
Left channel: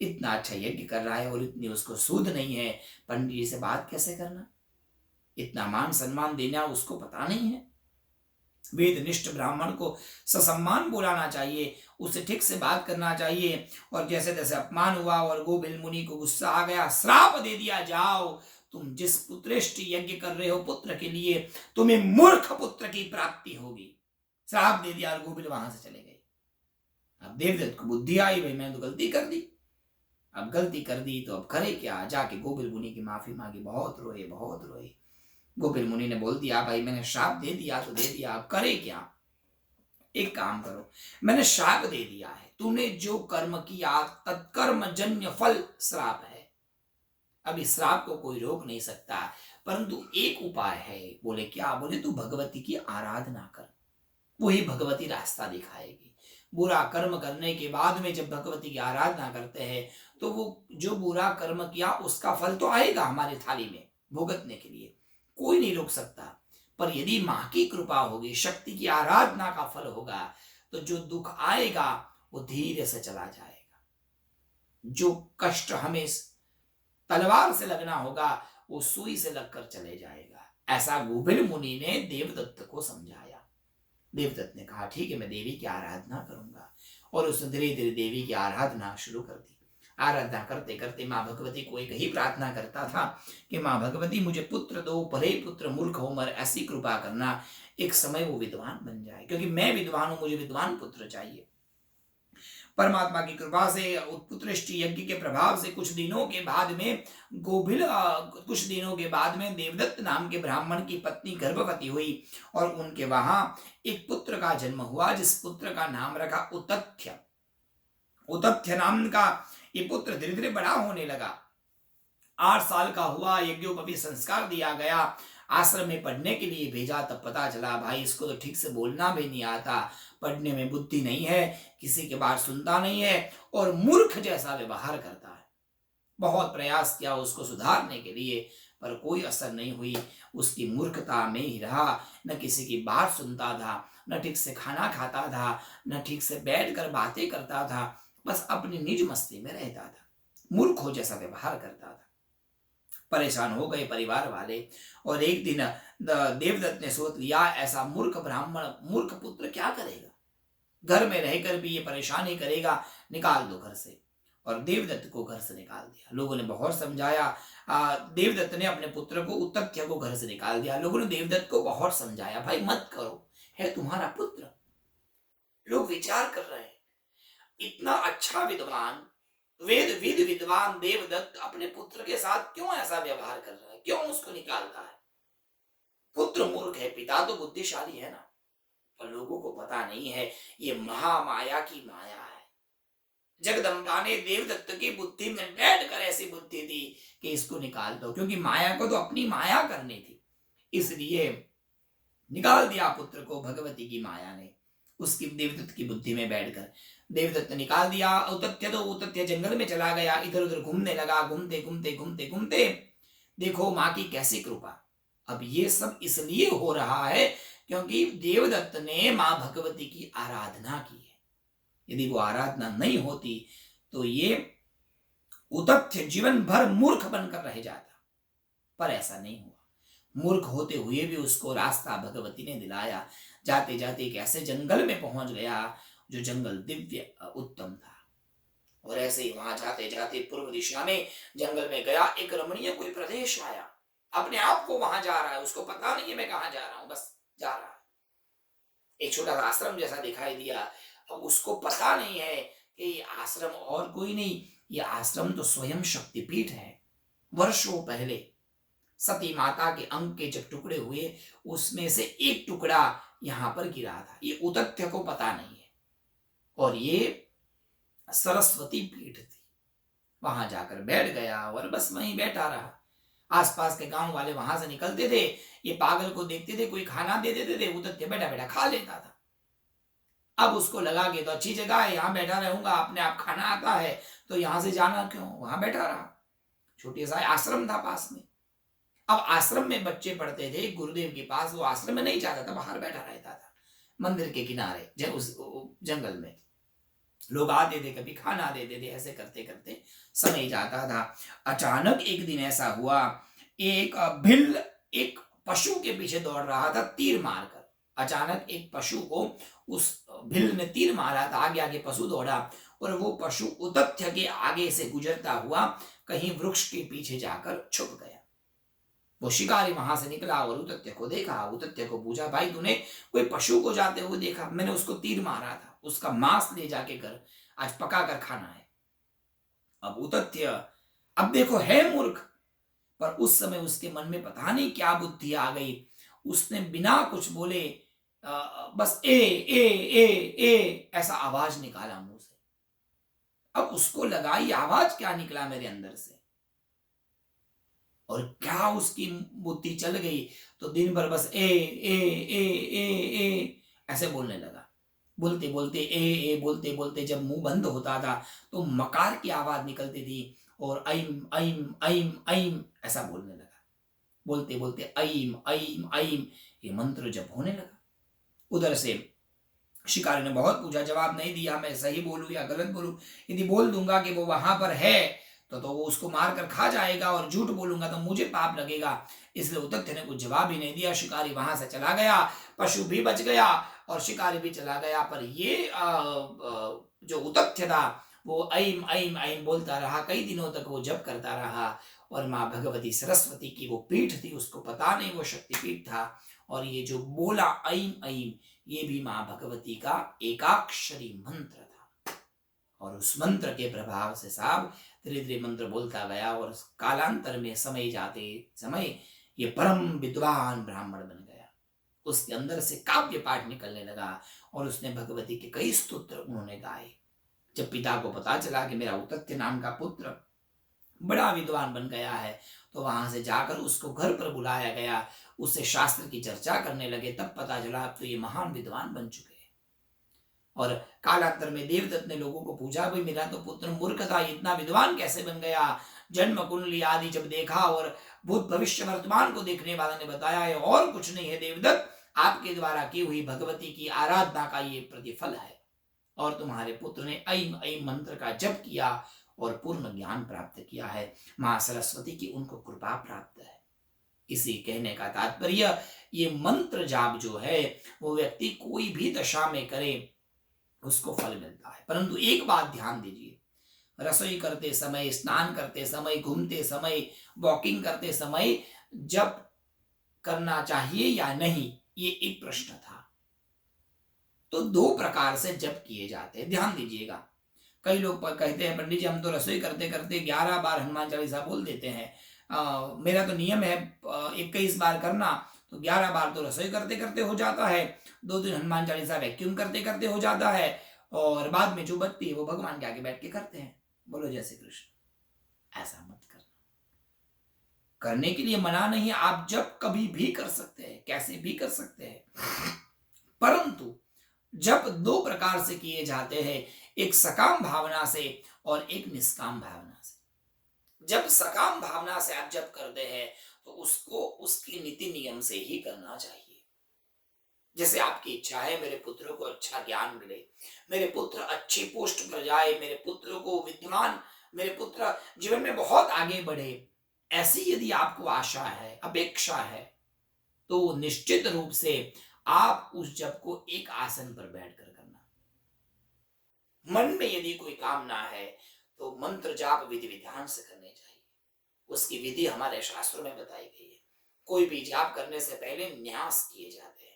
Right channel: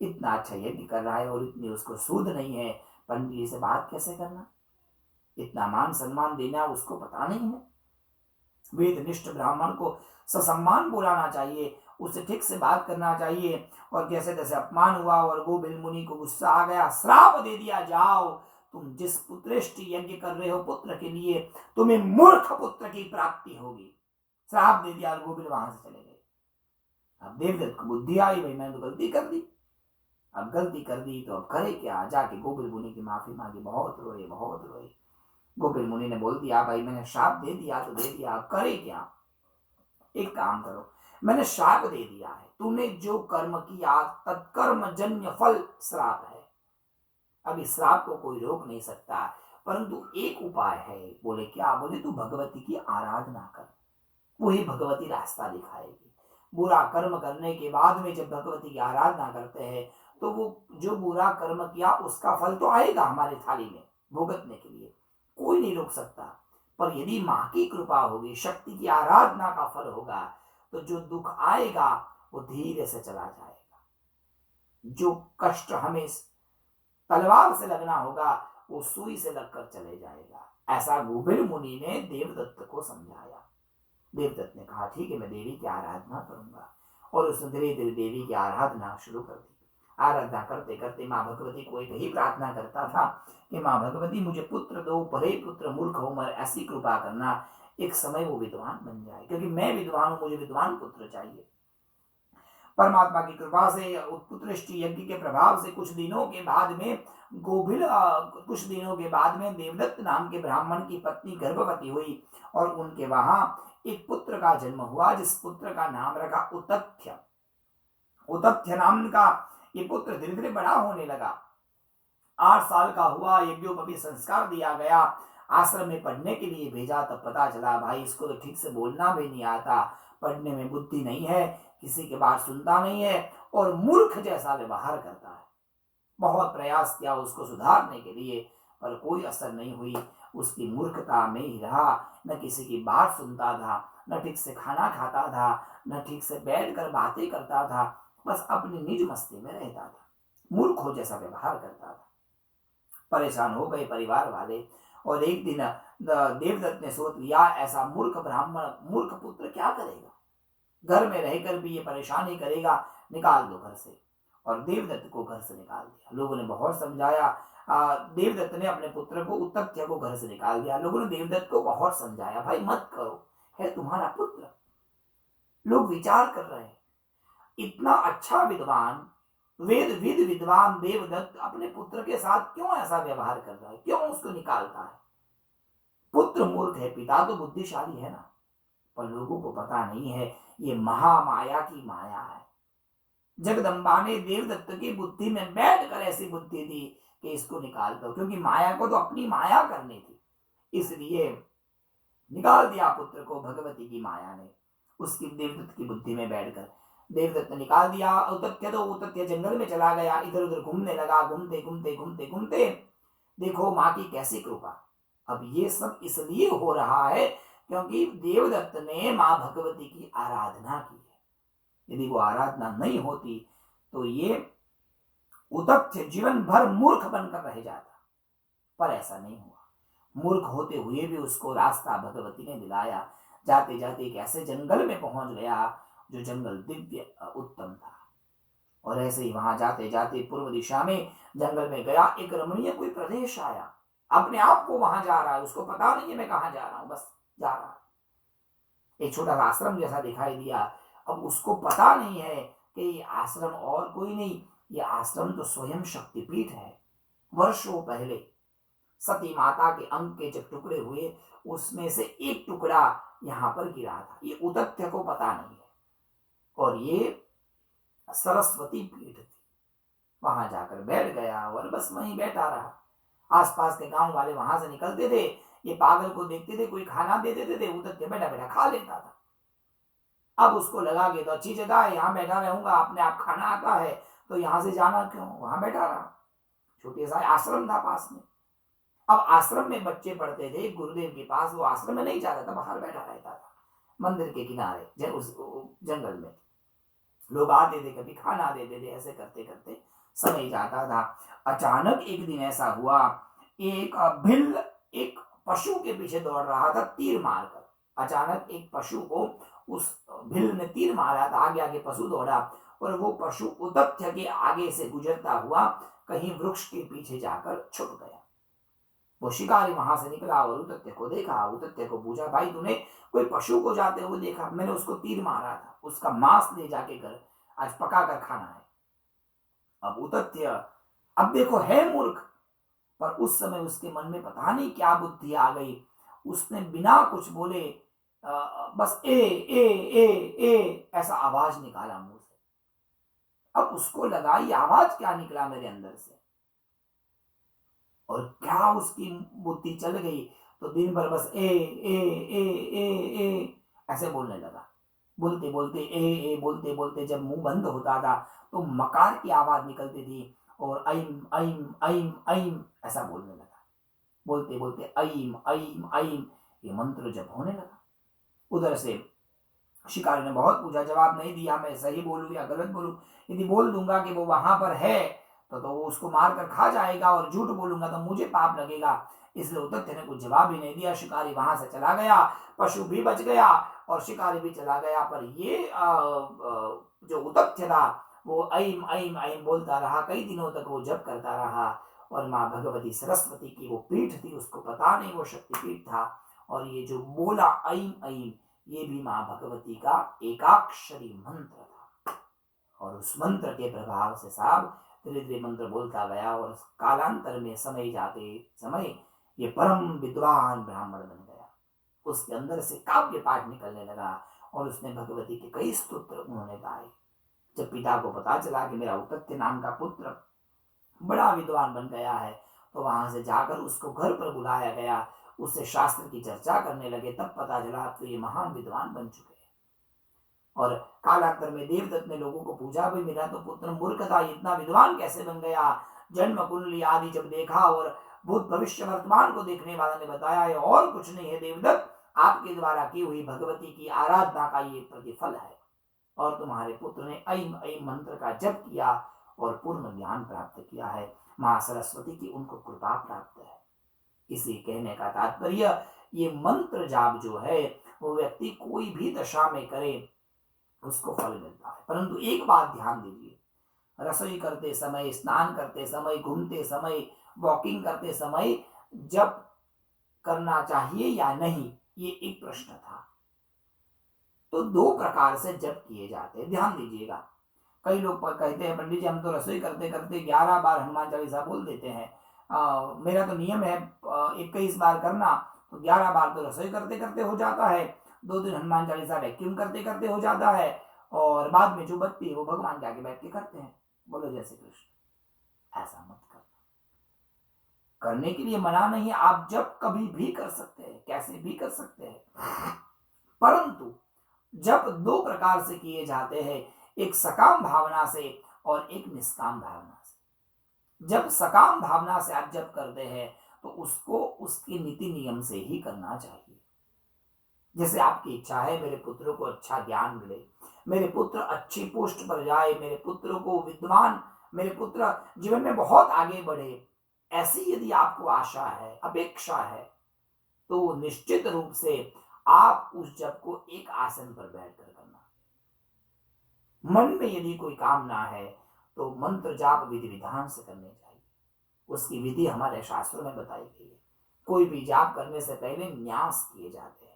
इतना अच्छा यज्ञ कर रहा है और इतनी उसको सूद नहीं है, पंडित जी से बात कैसे करना, इतना मान सम्मान देना उसको पता नहीं है। वेदनिष्ठ ब्राह्मण को ससम्मान बुलाना चाहिए, उसे ठीक से बात करना चाहिए। और जैसे जैसे अपमान हुआ और गोभिल मुनि को गुस्सा आ गया, श्राप दे दिया, जाओ तुम जिस पुत्रेष्ट यज्ञ कर रहे हो पुत्र के लिए, तुम्हें मूर्ख पुत्र की प्राप्ति होगी। श्राप दे दिया और गोभिल वहां से चले गए। अब देवदत्त को बुद्धि आई, भाई मैंने तो गलती कर दी, अब गलती कर दी तो अब करे क्या। जाके गोभिल मुनि की माफी मांगी, बहुत रोए बहुत रोए। गोभिल मुनि ने बोल दिया, भाई मैंने श्राप दे दिया तो दे दिया, अब करे क्या। एक काम करो, मैंने श्राप दे दिया है, तूने जो कर्म किया तत्कर्म जन्य फल श्राप है। अब इस श्राप को कोई रोक नहीं सकता, परंतु एक उपाय है। बोले क्या? बोले तू भगवती की आराधना कर, वही भगवती रास्ता दिखाएगी। बुरा कर्म करने के बाद में जब भगवती की आराधना करते हैं तो वो जो बुरा कर्म किया उसका फल तो आएगा हमारे थाली में भुगतने के लिए, कोई नहीं रोक सकता। पर यदि माँ की कृपा होगी, शक्ति की आराधना का फल होगा, तो जो दुख आएगा वो धीरे से चला जाएगा। जो कष्ट हमें तलवार से लगना होगा वो सुई से लगकर चले जाएगा। ऐसा गोभिल मुनि ने देवदत्त को समझाया। देवदत्त ने कहा ठीक है, मैं देवी की आराधना करूंगा। और उसने धीरे धीरे देवी की आराधना शुरू कर दी। आराधना करते करते माँ भगवती को एक ही प्रार्थना करता था कि माँ भगवती मुझे पुत्र दो, भले पुत्र मूर्ख हो मर, ऐसी कृपा करना, एक समय वो विद्वान बन जाए, क्योंकि मैं विद्वान हूं, मुझे विद्वान पुत्र चाहिए। परमात्मा की कृपा से, उत्पुत्रिष्टि यज्ञ के प्रभाव से कुछ दिनों के बाद में देवदत्त नाम के ब्राह्मण की पत्नी गर्भवती हुई और उनके वहां एक पुत्र का जन्म हुआ, जिस पुत्र का नाम रखा उतथ्य। उतथ्य नाम का ये पुत्र धीरे धीरे बड़ा होने लगा। 8 साल का हुआ, यज्ञोपवीत संस्कार दिया गया, आश्रम में पढ़ने के लिए भेजा। तब पता चला भाई इसको तो ठीक से बोलना भी नहीं आता, पढ़ने में बुद्धि नहीं है, किसी के बात सुनता नहीं है और मूर्ख जैसा व्यवहार करता है। बहुत प्रयास किया उसको सुधारने के लिए, पर कोई असर नहीं हुई। उसकी मूर्खता में ही रहा, न किसी की बात सुनता था, न ठीक से खाना खाता था, न ठीक से बैठकर बातें करता था, बस अपनी निज मस्ती में रहता था, मूर्खों जैसा व्यवहार करता था। परेशान हो गए परिवार वाले और एक दिन देवदत्त ने सोच लिया, ऐसा मूर्ख ब्राह्मण, मूर्ख पुत्र क्या करेगा, घर में रहकर भी ये परेशानी करेगा, निकाल दो घर से। और देवदत्त को घर से निकाल दिया। लोगों ने बहुत समझाया, देवदत्त ने अपने पुत्र को उतथ्य को घर से निकाल दिया। लोगों ने देवदत्त को बहुत समझाया, भाई मत करो, है तुम्हारा पुत्र। लोग विचार कर रहे हैं, इतना अच्छा विद्वान, विद्वान देवदत्त अपने पुत्र के साथ क्यों ऐसा व्यवहार कर रहा है, क्यों उसको निकालता है। पुत्र मूर्ख है, पिता तो बुद्धिशाली है ना, पर लोगों को पता नहीं है ये महामाया की माया है। जगदम्बा ने देवदत्त की बुद्धि में बैठकर ऐसी बुद्धि दी कि इसको निकाल दो, क्योंकि माया को तो अपनी माया करनी थी, इसलिए निकाल दिया पुत्र को भगवती की माया ने, उसकी देवदत्त की बुद्धि में बैठकर देवदत्त ने निकाल दिया। उतत्य जंगल में चला गया, इधर उधर घूमने लगा, घूमते घूमते घूमते घूमते देखो माँ की कैसी कृपा। अब ये सब इसलिए हो रहा है क्योंकि देवदत्त ने माँ भगवती की आराधना की है। यदि वो आराधना नहीं होती तो ये उतथ्य जीवन भर मूर्ख बनकर रह जाता, पर ऐसा नहीं हुआ। मूर्ख होते हुए भी उसको रास्ता भगवती ने दिलाया। जाते जाते एक ऐसे जंगल में पहुंच गया जो जंगल दिव्य उत्तम था, और ऐसे ही वहां जाते जाते पूर्व दिशा में जंगल में गया, एक रमणीय कोई प्रदेश आया। अपने आप को वहां जा रहा है, उसको पता नहीं है मैं कहां जा रहा हूं, बस जा रहा है। एक छोटा सा आश्रम जैसा दिखाई दिया। अब उसको पता नहीं है कि ये आश्रम और कोई नहीं, ये आश्रम तो स्वयं शक्तिपीठ है। वर्षों पहले सती माता के अंग के जब टुकड़े हुए, उसमें से एक टुकड़ा यहां पर गिरा था। ये उतथ्य को पता नहीं है, और ये सरस्वती पीठ थी। वहां जाकर बैठ गया और बस वहीं बैठा रहा। आसपास के गांव वाले वहां से निकलते थे, ये पागल को देखते थे, कोई खाना दे देते थे, उतथ्य बैठा बैठा खा लेता था। अब उसको लगा कि तो अच्छी जगह है, यहाँ बैठा रहूंगा, अपने आप खाना आता है, तो यहां से जाना क्यों, वहां बैठा रहा। छोटी सा आश्रम था पास में। अब आश्रम में बच्चे पढ़ते थे गुरुदेव के पास, वो आश्रम में नहीं जाता था, बाहर बैठा रहता था मंदिर के किनारे। उस जंगल में लोग आते थे, कभी खाना देते थे, ऐसे करते करते समय जाता था। अचानक एक दिन ऐसा हुआ, एक भिल्ल एक पशु के पीछे दौड़ रहा था तीर मारकर। अचानक एक पशु को उस भिल्ल ने तीर मारा था, आगे आगे पशु दौड़ा, और वो पशु उतथ्य के आगे से गुजरता हुआ कहीं वृक्ष के पीछे जाकर छुप गया। वो शिकारी वहां से निकला और उतथ्य को देखा। उतथ्य को पूछा, भाई तूने कोई पशु को जाते हुए देखा? मैंने उसको तीर मारा था, उसका मांस ले जाके घर आज पका कर खाना है। अब उतथ्य अब देखो है मूर्ख, पर उस समय उसके मन में पता नहीं क्या बुद्धि आ गई, उसने बिना कुछ बोले बस ए ऐसा आवाज निकाला मुंह से। अब उसको लगा ये आवाज क्या निकला मेरे अंदर से, और क्या उसकी बुद्धि चल गई, तो दिन भर बस ए ऐसे बोलने लगा। बोलते बोलते बोलते बोलते जब मुंह बंद होता था तो मकार की आवाज निकलती थी, और ऐम ऐम ऐम ऐम ऐसा बोलने लगा। बोलते बोलते ऐम ऐम ऐम ये मंत्र जब होने लगा। उधर से शिकारी ने बहुत पूछा, जवाब नहीं दिया। मैं सही बोलूं या गलत बोलूं? यदि बोल दूंगा कि वो वहां पर है तो वो उसको मारकर खा जाएगा, और झूठ बोलूंगा तो मुझे पाप लगेगा। इसलिए उतथ्य ने कुछ जवाब ही नहीं दिया। शिकारी वहां से चला गया, पशु भी बच गया और शिकारी भी चला गया। पर ये जो उतथ्य था वो ऐम ऐम ऐम बोलता रहा। कई दिनों तक वो जप करता रहा, और माँ भगवती सरस्वती की वो पीठ थी, उसको पता नहीं वो शक्तिपीठ था। और ये जो बोला ऐम ऐम, ये भी माँ भगवती का एकाक्षरी मंत्र था, और उस मंत्र के प्रभाव से साहब धीरे धीरे मंत्र बोलता गया, और कालांतर में समय जाते समय ये परम विद्वान ब्राह्मण बन गया। उसके अंदर से काव्य पाठ निकलने लगा, और उसने भगवती के कई स्तोत्र उन्होंने गाए। जब पिता को पता चला कि मेरा उतथ्य नाम का पुत्र बड़ा विद्वान बन गया है, तो वहां से जाकर उसको घर पर बुलाया गया, उससे शास्त्र की चर्चा करने लगे। तब पता चला अब तो ये महान विद्वान बन चुके हैं। और कालांतर में देवदत्त ने लोगों को पूछा, भाई मेरा तो पुत्र मूर्ख था, इतना विद्वान कैसे बन गया? जन्म कुंडली आदि जब देखा, और भूत भविष्य वर्तमान को देखने वाला ने बताया ये और कुछ नहीं है देवदत्त, आपके द्वारा की हुई भगवती की आराधना का ये प्रतिफल है, और तुम्हारे पुत्र ने ऐम ऐम मंत्र का जप किया और पूर्ण ज्ञान प्राप्त किया है। माँ सरस्वती की उनको कृपा प्राप्त है। इसी कहने का तात्पर्य, ये मंत्र जाप जो है वो व्यक्ति कोई भी दशा में करे उसको फल मिलता है। परंतु एक बात ध्यान दीजिए, रसोई करते समय, स्नान करते समय, घूमते समय, वॉकिंग करते समय जप करना चाहिए या नहीं, ये एक प्रश्न था। तो दो प्रकार से जप किए जाते हैं, ध्यान दीजिएगा। कई लोग कहते हैं, पंडित जी हम तो रसोई करते करते 11 बार हनुमान चालीसा बोल देते हैं। मेरा तो नियम है 21 बार करना, तो 11 बार तो रसोई करते करते हो जाता है, 2 दिन हनुमान चालीसा वैक्यूम करते करते हो जाता है, और बाद में जो बत्ती है वो भगवान के आगे बैठ के करते हैं। बोलो जय श्री कृष्ण। ऐसा मत करना। करने के लिए मना नहीं है, आप जब कभी भी कर सकते हैं, कैसे भी कर सकते हैं, परंतु जब 2 प्रकार से किए जाते हैं, एक सकाम भावना से और एक निष्काम भावना से। जब सकाम भावना से आप जब करते हैं तो उसको उसकी नीति नियम से ही करना चाहिए। जैसे आपकी इच्छा है मेरे पुत्र को अच्छा ज्ञान मिले, मेरे पुत्र अच्छी पोस्ट पर जाए, मेरे पुत्र को विद्वान, मेरे पुत्र जीवन में बहुत आगे बढ़े, ऐसी यदि आपको आशा है, अपेक्षा है, तो निश्चित रूप से आप उस जप को एक आसन पर बैठकर करना। मन में यदि कोई कामना है तो मंत्र जाप विधि विधान से करने चाहिए। उसकी विधि हमारे शास्त्रों में बताई गई है। कोई भी जाप करने से पहले न्यास किए जाते हैं।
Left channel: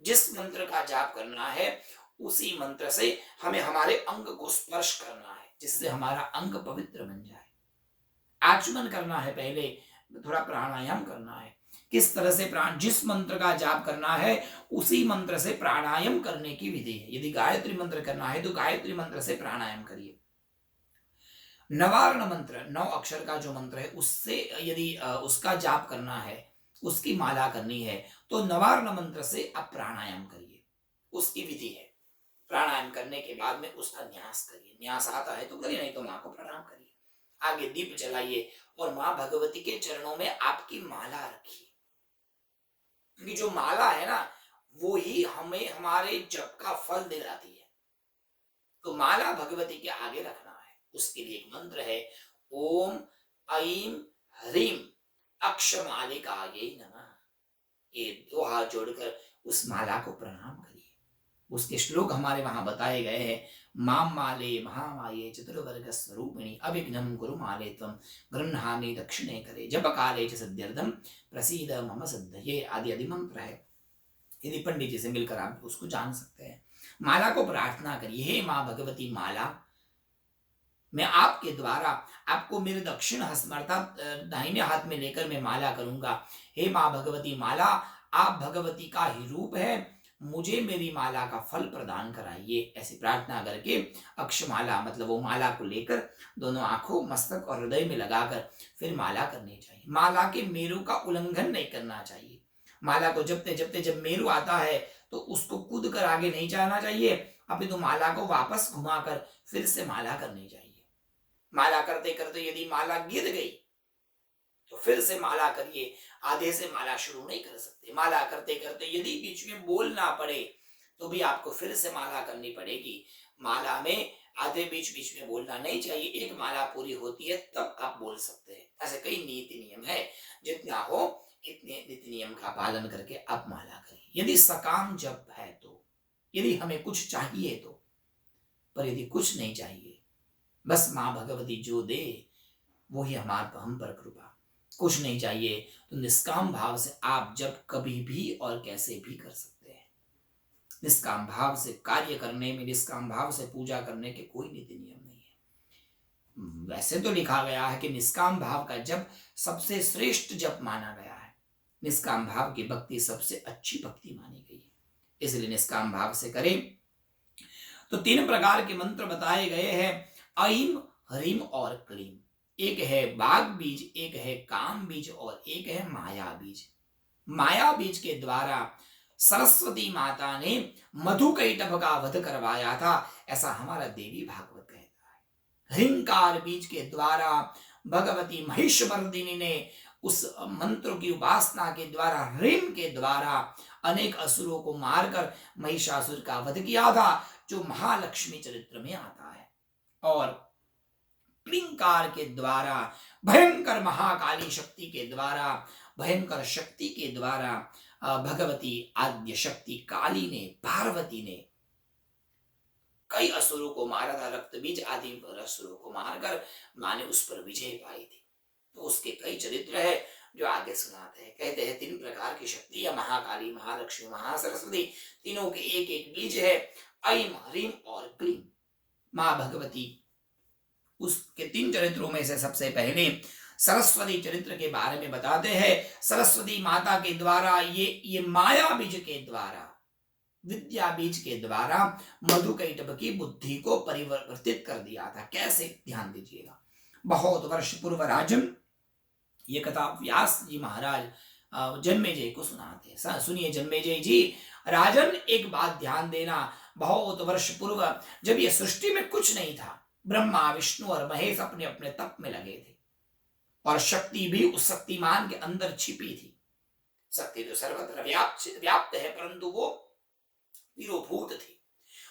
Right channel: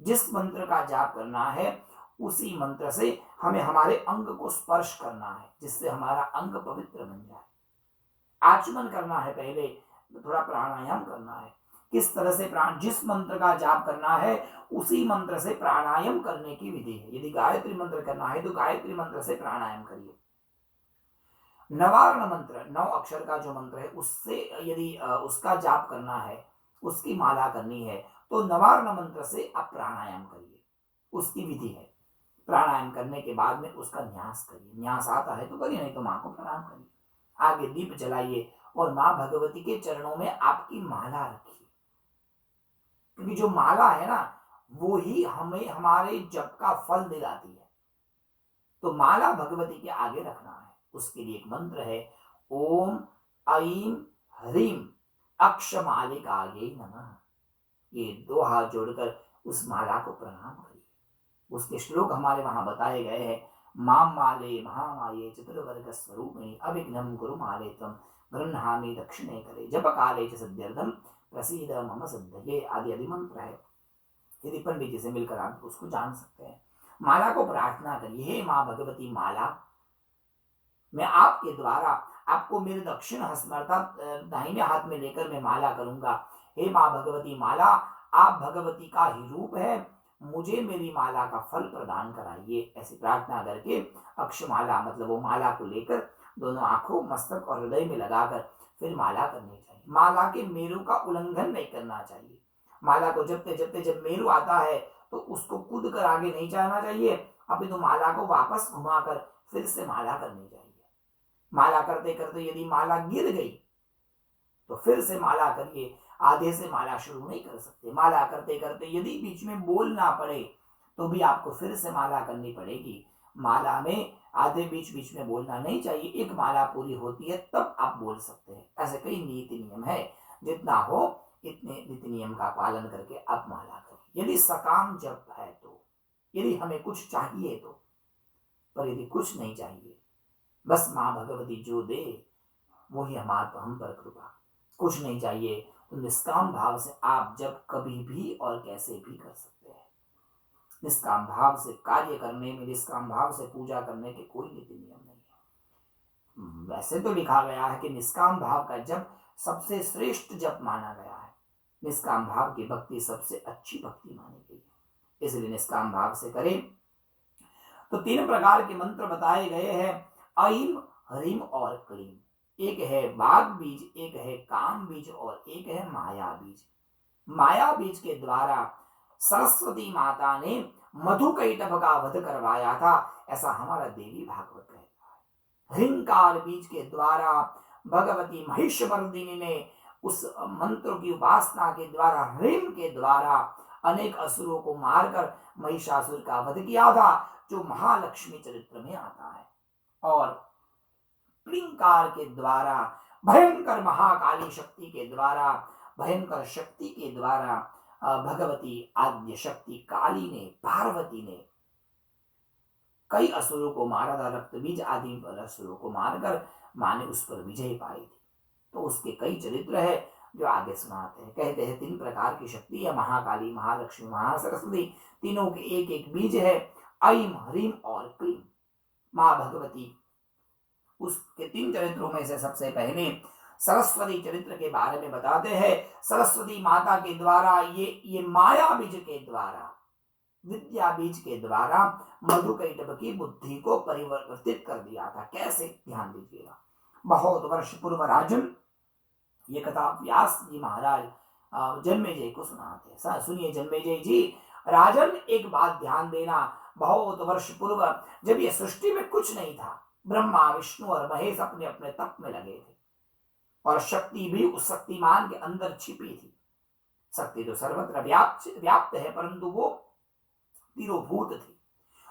जिस मंत्र का जाप करना है उसी मंत्र से हमें हमारे अंग को स्पर्श करना है, जिससे हमारा अंग पवित्र बन जाए। आचमन करना है, पहले थोड़ा प्राणायाम करना है। किस तरह से जिस मंत्र का जाप करना है उसी मंत्र से प्राणायाम करने की विधि है। यदि गायत्री मंत्र करना है तो गायत्री मंत्र से प्राणायाम करिए। नवारण मंत्र 9 अक्षर का जो मंत्र है उससे यदि उसका जाप करना है, उसकी माला करनी है, तो नवारण मंत्र से आप प्राणायाम करिए। उसकी विधि है। प्राणायाम करने के बाद में उसका न्यास करिए। न्यास आता है तो करिए, नहीं तो मां को प्रणाम करिए। आगे दीप जलाइए और मां भगवती के चरणों में आपकी माला रखिए, क्योंकि जो माला है ना वो ही हमें हमारे जप का फल दिलाती है। तो माला भगवती के आगे रखना है। उसके लिए एक मंत्र है, ओम ऐं ह्रीं अक्षमालिकायै नमः। ये 2 हाथ जोड़कर उस माला को प्रणाम करिए। उसके श्लोक हमारे वहां बताए गए हैं। माम माले महामाये चतुर्वर्ग स्वरूपिणी अभिघ्नं कुरु माले त्वं गृह्णामि दक्षिणे करे जप काले च सिद्ध्यर्थं प्रसीद मम सिद्धये आदि आदि मंत्र है। यदि पंडित जी से मिलकर आप उसको जान सकते हैं। माला को प्रार्थना करिए, हे माँ भगवती माला, मैं आपके द्वारा आपको मेरे दक्षिण हस्त अर्थात दाहिने हाथ में लेकर मैं माला करूंगा। हे माँ भगवती माला, आप भगवती का ही रूप है, मुझे मेरी माला का फल प्रदान कराइए। ऐसी प्रार्थना करके अक्षमाला मतलब वो माला को लेकर दोनों आंखों, मस्तक और हृदय में लगाकर फिर माला करनी चाहिए। माला के मेरु का उल्लंघन नहीं करना चाहिए। माला को जपते जपते जब मेरु आता है तो उसको कूद कर आगे नहीं जाना चाहिए, अपितु माला को वापस घुमाकर फिर से माला करनी चाहिए। माला करते करते यदि माला गिर गई तो फिर से माला करिए, आधे से माला शुरू नहीं कर सकते। माला करते करते यदि बीच में बोलना पड़े तो भी आपको फिर से माला करनी पड़ेगी। माला में आधे बीच बीच में बोलना नहीं चाहिए। एक माला पूरी होती है तब आप बोल सकते हैं। ऐसे कई नीति नियम है, जितना हो इतने नीति नियम का पालन करके आप माला करिए। यदि सकाम जप है तो, यदि हमें कुछ चाहिए तो, पर यदि कुछ नहीं चाहिए, बस माँ भगवती जो दे वो ही हम पर कृपा, कुछ नहीं चाहिए, तो निष्काम भाव से आप जब कभी भी और कैसे भी कर सकते हैं। निष्काम भाव से कार्य करने में, निष्काम भाव से पूजा करने के कोई नीति नियम नहीं है। वैसे तो लिखा गया है कि निष्काम भाव का जप सबसे श्रेष्ठ जप माना गया है। निष्काम भाव की भक्ति सबसे अच्छी भक्ति मानी गई है, इसलिए निष्काम भाव से करें। तो 3 प्रकार के मंत्र बताए गए हैं, ऐं ह्रीं और क्लीं। एक है बाघ बीज, एक है काम बीज और एक है माया बीज। माया बीज के द्वारा सरस्वती माता ने मधुकैटभ का वध करवाया था, ऐसा हमारा देवी भागवत कहता है। ह्रींकार बीज के द्वारा भगवती महिषमर्दिनी ने उस मंत्र की उपासना के द्वारा, ह्रीं के द्वारा अनेक असुरों को मारकर महिषासुर का वध किया था, जो महालक्ष्मी चरित्र में आता है। और क्लींकार के द्वारा भयंकर महाकाली शक्ति के द्वारा, भयंकर शक्ति के द्वारा भगवती आद्य शक्ति काली ने, पार्वती ने कई असुरों को मारा था। रक्तबीज आदि असुरों को मारकर मां ने उस पर विजय पाई थी। तो उसके कई चरित्र है जो आगे सुनाते हैं। कहते हैं 3 प्रकार की शक्ति है, महाकाली, महालक्ष्मी, महासरस्वती, तीनों के एक एक बीज है, ऐं ह्रीं और क्लीं। मां भगवती उसके 3 चरित्रों में से सबसे पहले सरस्वती चरित्र के बारे में बताते हैं। सरस्वती माता के द्वारा ये माया बीज के द्वारा, विद्या बीज के द्वारा मधुकैटभ की बुद्धि को परिवर्तित कर दिया था। कैसे, ध्यान दीजिएगा। बहुत वर्ष पूर्व राजन, ये कथा व्यास जी महाराज जन्मेजय को सुनाते हैं। सुनिए जन्मेजय जी। राजन, एक बात ध्यान देना, बहुत वर्ष पूर्व जब ये सृष्टि में कुछ नहीं था, ब्रह्मा विष्णु और महेश अपने अपने तप में लगे थे और शक्ति भी उस शक्तिमान के अंदर छिपी थी। शक्ति तो सर्वत्र व्याप्त है, परंतु वो तिरोभूत थी।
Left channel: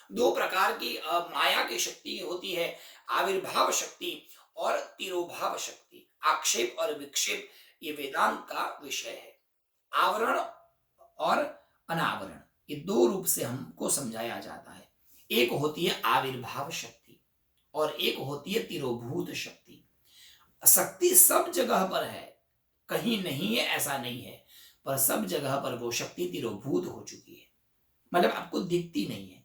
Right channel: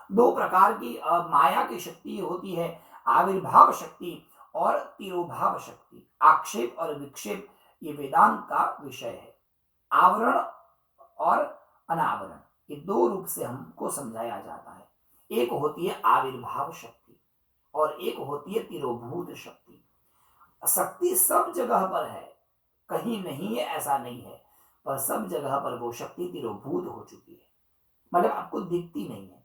दो प्रकार की माया की शक्ति होती है, आविर्भाव शक्ति और तिरोभाव शक्ति। आक्षेप और विक्षेप ये वेदांत का विषय है। आवरण और अनावरण, ये दो रूप से हमको समझाया जाता है। एक होती है आविर्भाव शक्ति और एक होती है तिरोभूत शक्ति। शक्ति सब जगह पर है, कहीं नहीं है ऐसा नहीं है, पर सब जगह पर वो शक्ति तिरोभूत हो चुकी है, मतलब आपको दिखती नहीं है।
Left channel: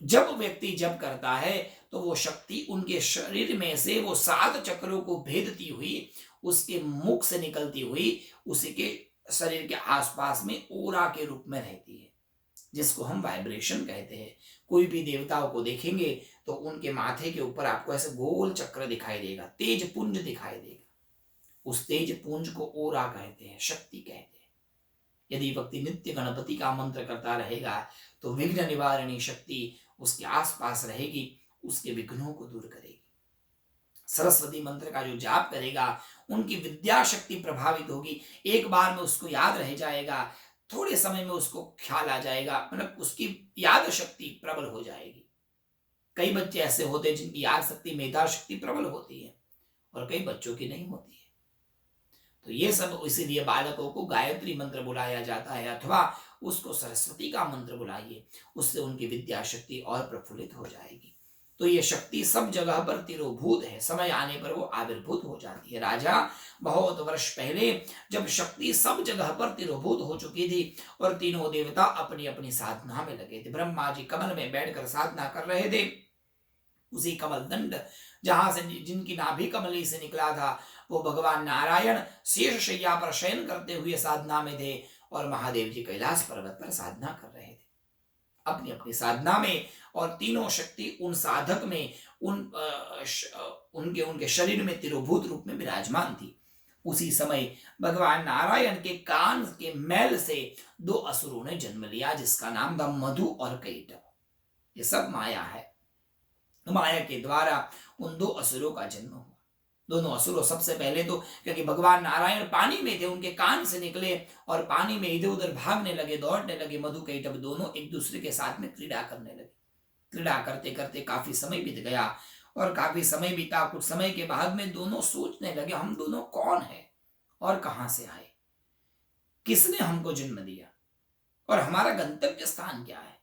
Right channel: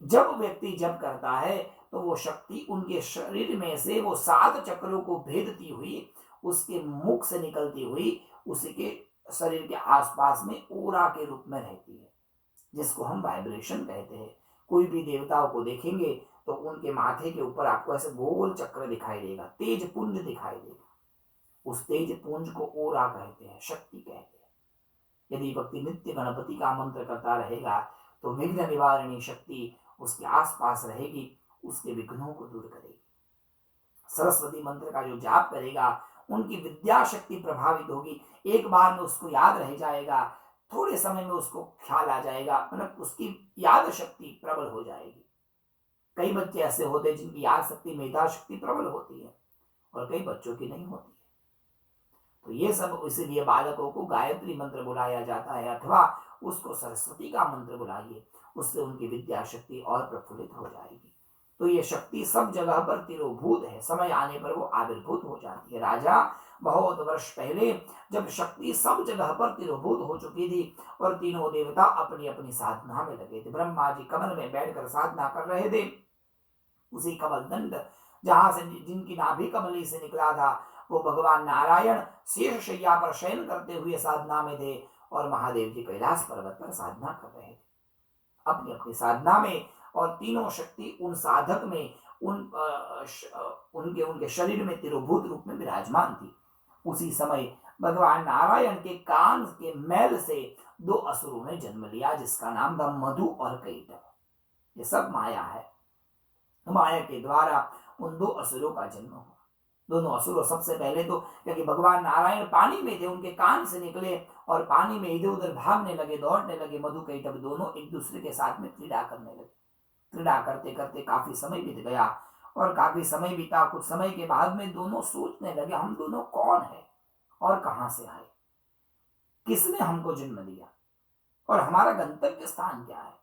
जब व्यक्ति जप करता है तो वो शक्ति उनके शरीर में से वो 7 चक्रों को भेदती हुई, उसके मुख से निकलती हुई उसी के शरीर के आसपास में ओरा के रूप में रहती है, जिसको हम वाइब्रेशन कहते हैं। कोई भी देवताओं को देखेंगे तो उनके माथे के ऊपर आपको ऐसे गोल चक्र दिखाई देगा, तेज पुंज दिखाई देगा। उस तेज पुंज को ओरा कहते हैं, शक्ति कहते हैं। यदि व्यक्ति नित्य गणपति का मंत्र करता रहेगा तो विघ्न निवारणी शक्ति उसके आसपास रहेगी, उसके विघ्नों को दूर करेगी। सरस्वती मंत्र का जो जाप करेगा उनकी विद्या शक्ति प्रभावित होगी, एक बार में उसको याद रह जाएगा, थोड़े समय में उसको ख्याल आ जाएगा, मतलब उसकी याद शक्ति प्रबल हो जाएगी। कई बच्चे ऐसे होते हैं जिनकी याद शक्ति, मेधा शक्ति प्रबल होती है और कई बच्चों की नहीं होती है। तो ये सब इसीलिए बालकों को गायत्री मंत्र बुलाया जाता है, अथवा उसको सरस्वती का मंत्र बुलाइए, उससे उनकी विद्या शक्ति और प्रफुल्लित हो जाएगी। तो ये शक्ति सब जगह पर तिरोभूत है, समय आने पर वो आविर्भूत हो जाती है। राजा, बहुत वर्ष पहले जब शक्ति सब जगह पर तिरोभूत हो चुकी थी और तीनों देवता अपनी अपनी साधना में लगे थे, ब्रह्मा जी कमल में बैठकर साधना कर रहे थे। उसी कमल दंड जहां से जिनकी नाभि कमली से निकला था, वो भगवान नारायण शेष शैया पर शयन करते हुए साधना में थे और महादेव जी कैलाश पर्वत पर साधना कर रहे थे अपनी अपनी साधना में। और तीनों शक्ति उन साधक में, उनके शरीर में तिरोभूत रूप में विराजमान थी। उसी समय भगवान नारायण के कान के मैल से 2 असुरों ने जन्म लिया, जिसका नाम था मधु और कैटभ। ये सब माया है, माया के द्वारा उन 2 असुरों का जन्म हुआ। दोनों असुर सबसे पहले तो, क्योंकि भगवान नारायण पानी में थे, उनके कान से निकले और पानी में इधर उधर भागने लगे, दौड़ने लगे। मधु कैटभ दोनों एक दूसरे के साथ में क्रीड़ा करने लगे। क्रीड़ा करते करते काफी समय बीत गया और काफी समय बीता। कुछ समय के बाद में दोनों सोचने लगे, हम दोनों कौन है और कहां से आए, किसने हमको जन्म दिया और हमारा गंतव्य स्थान क्या है।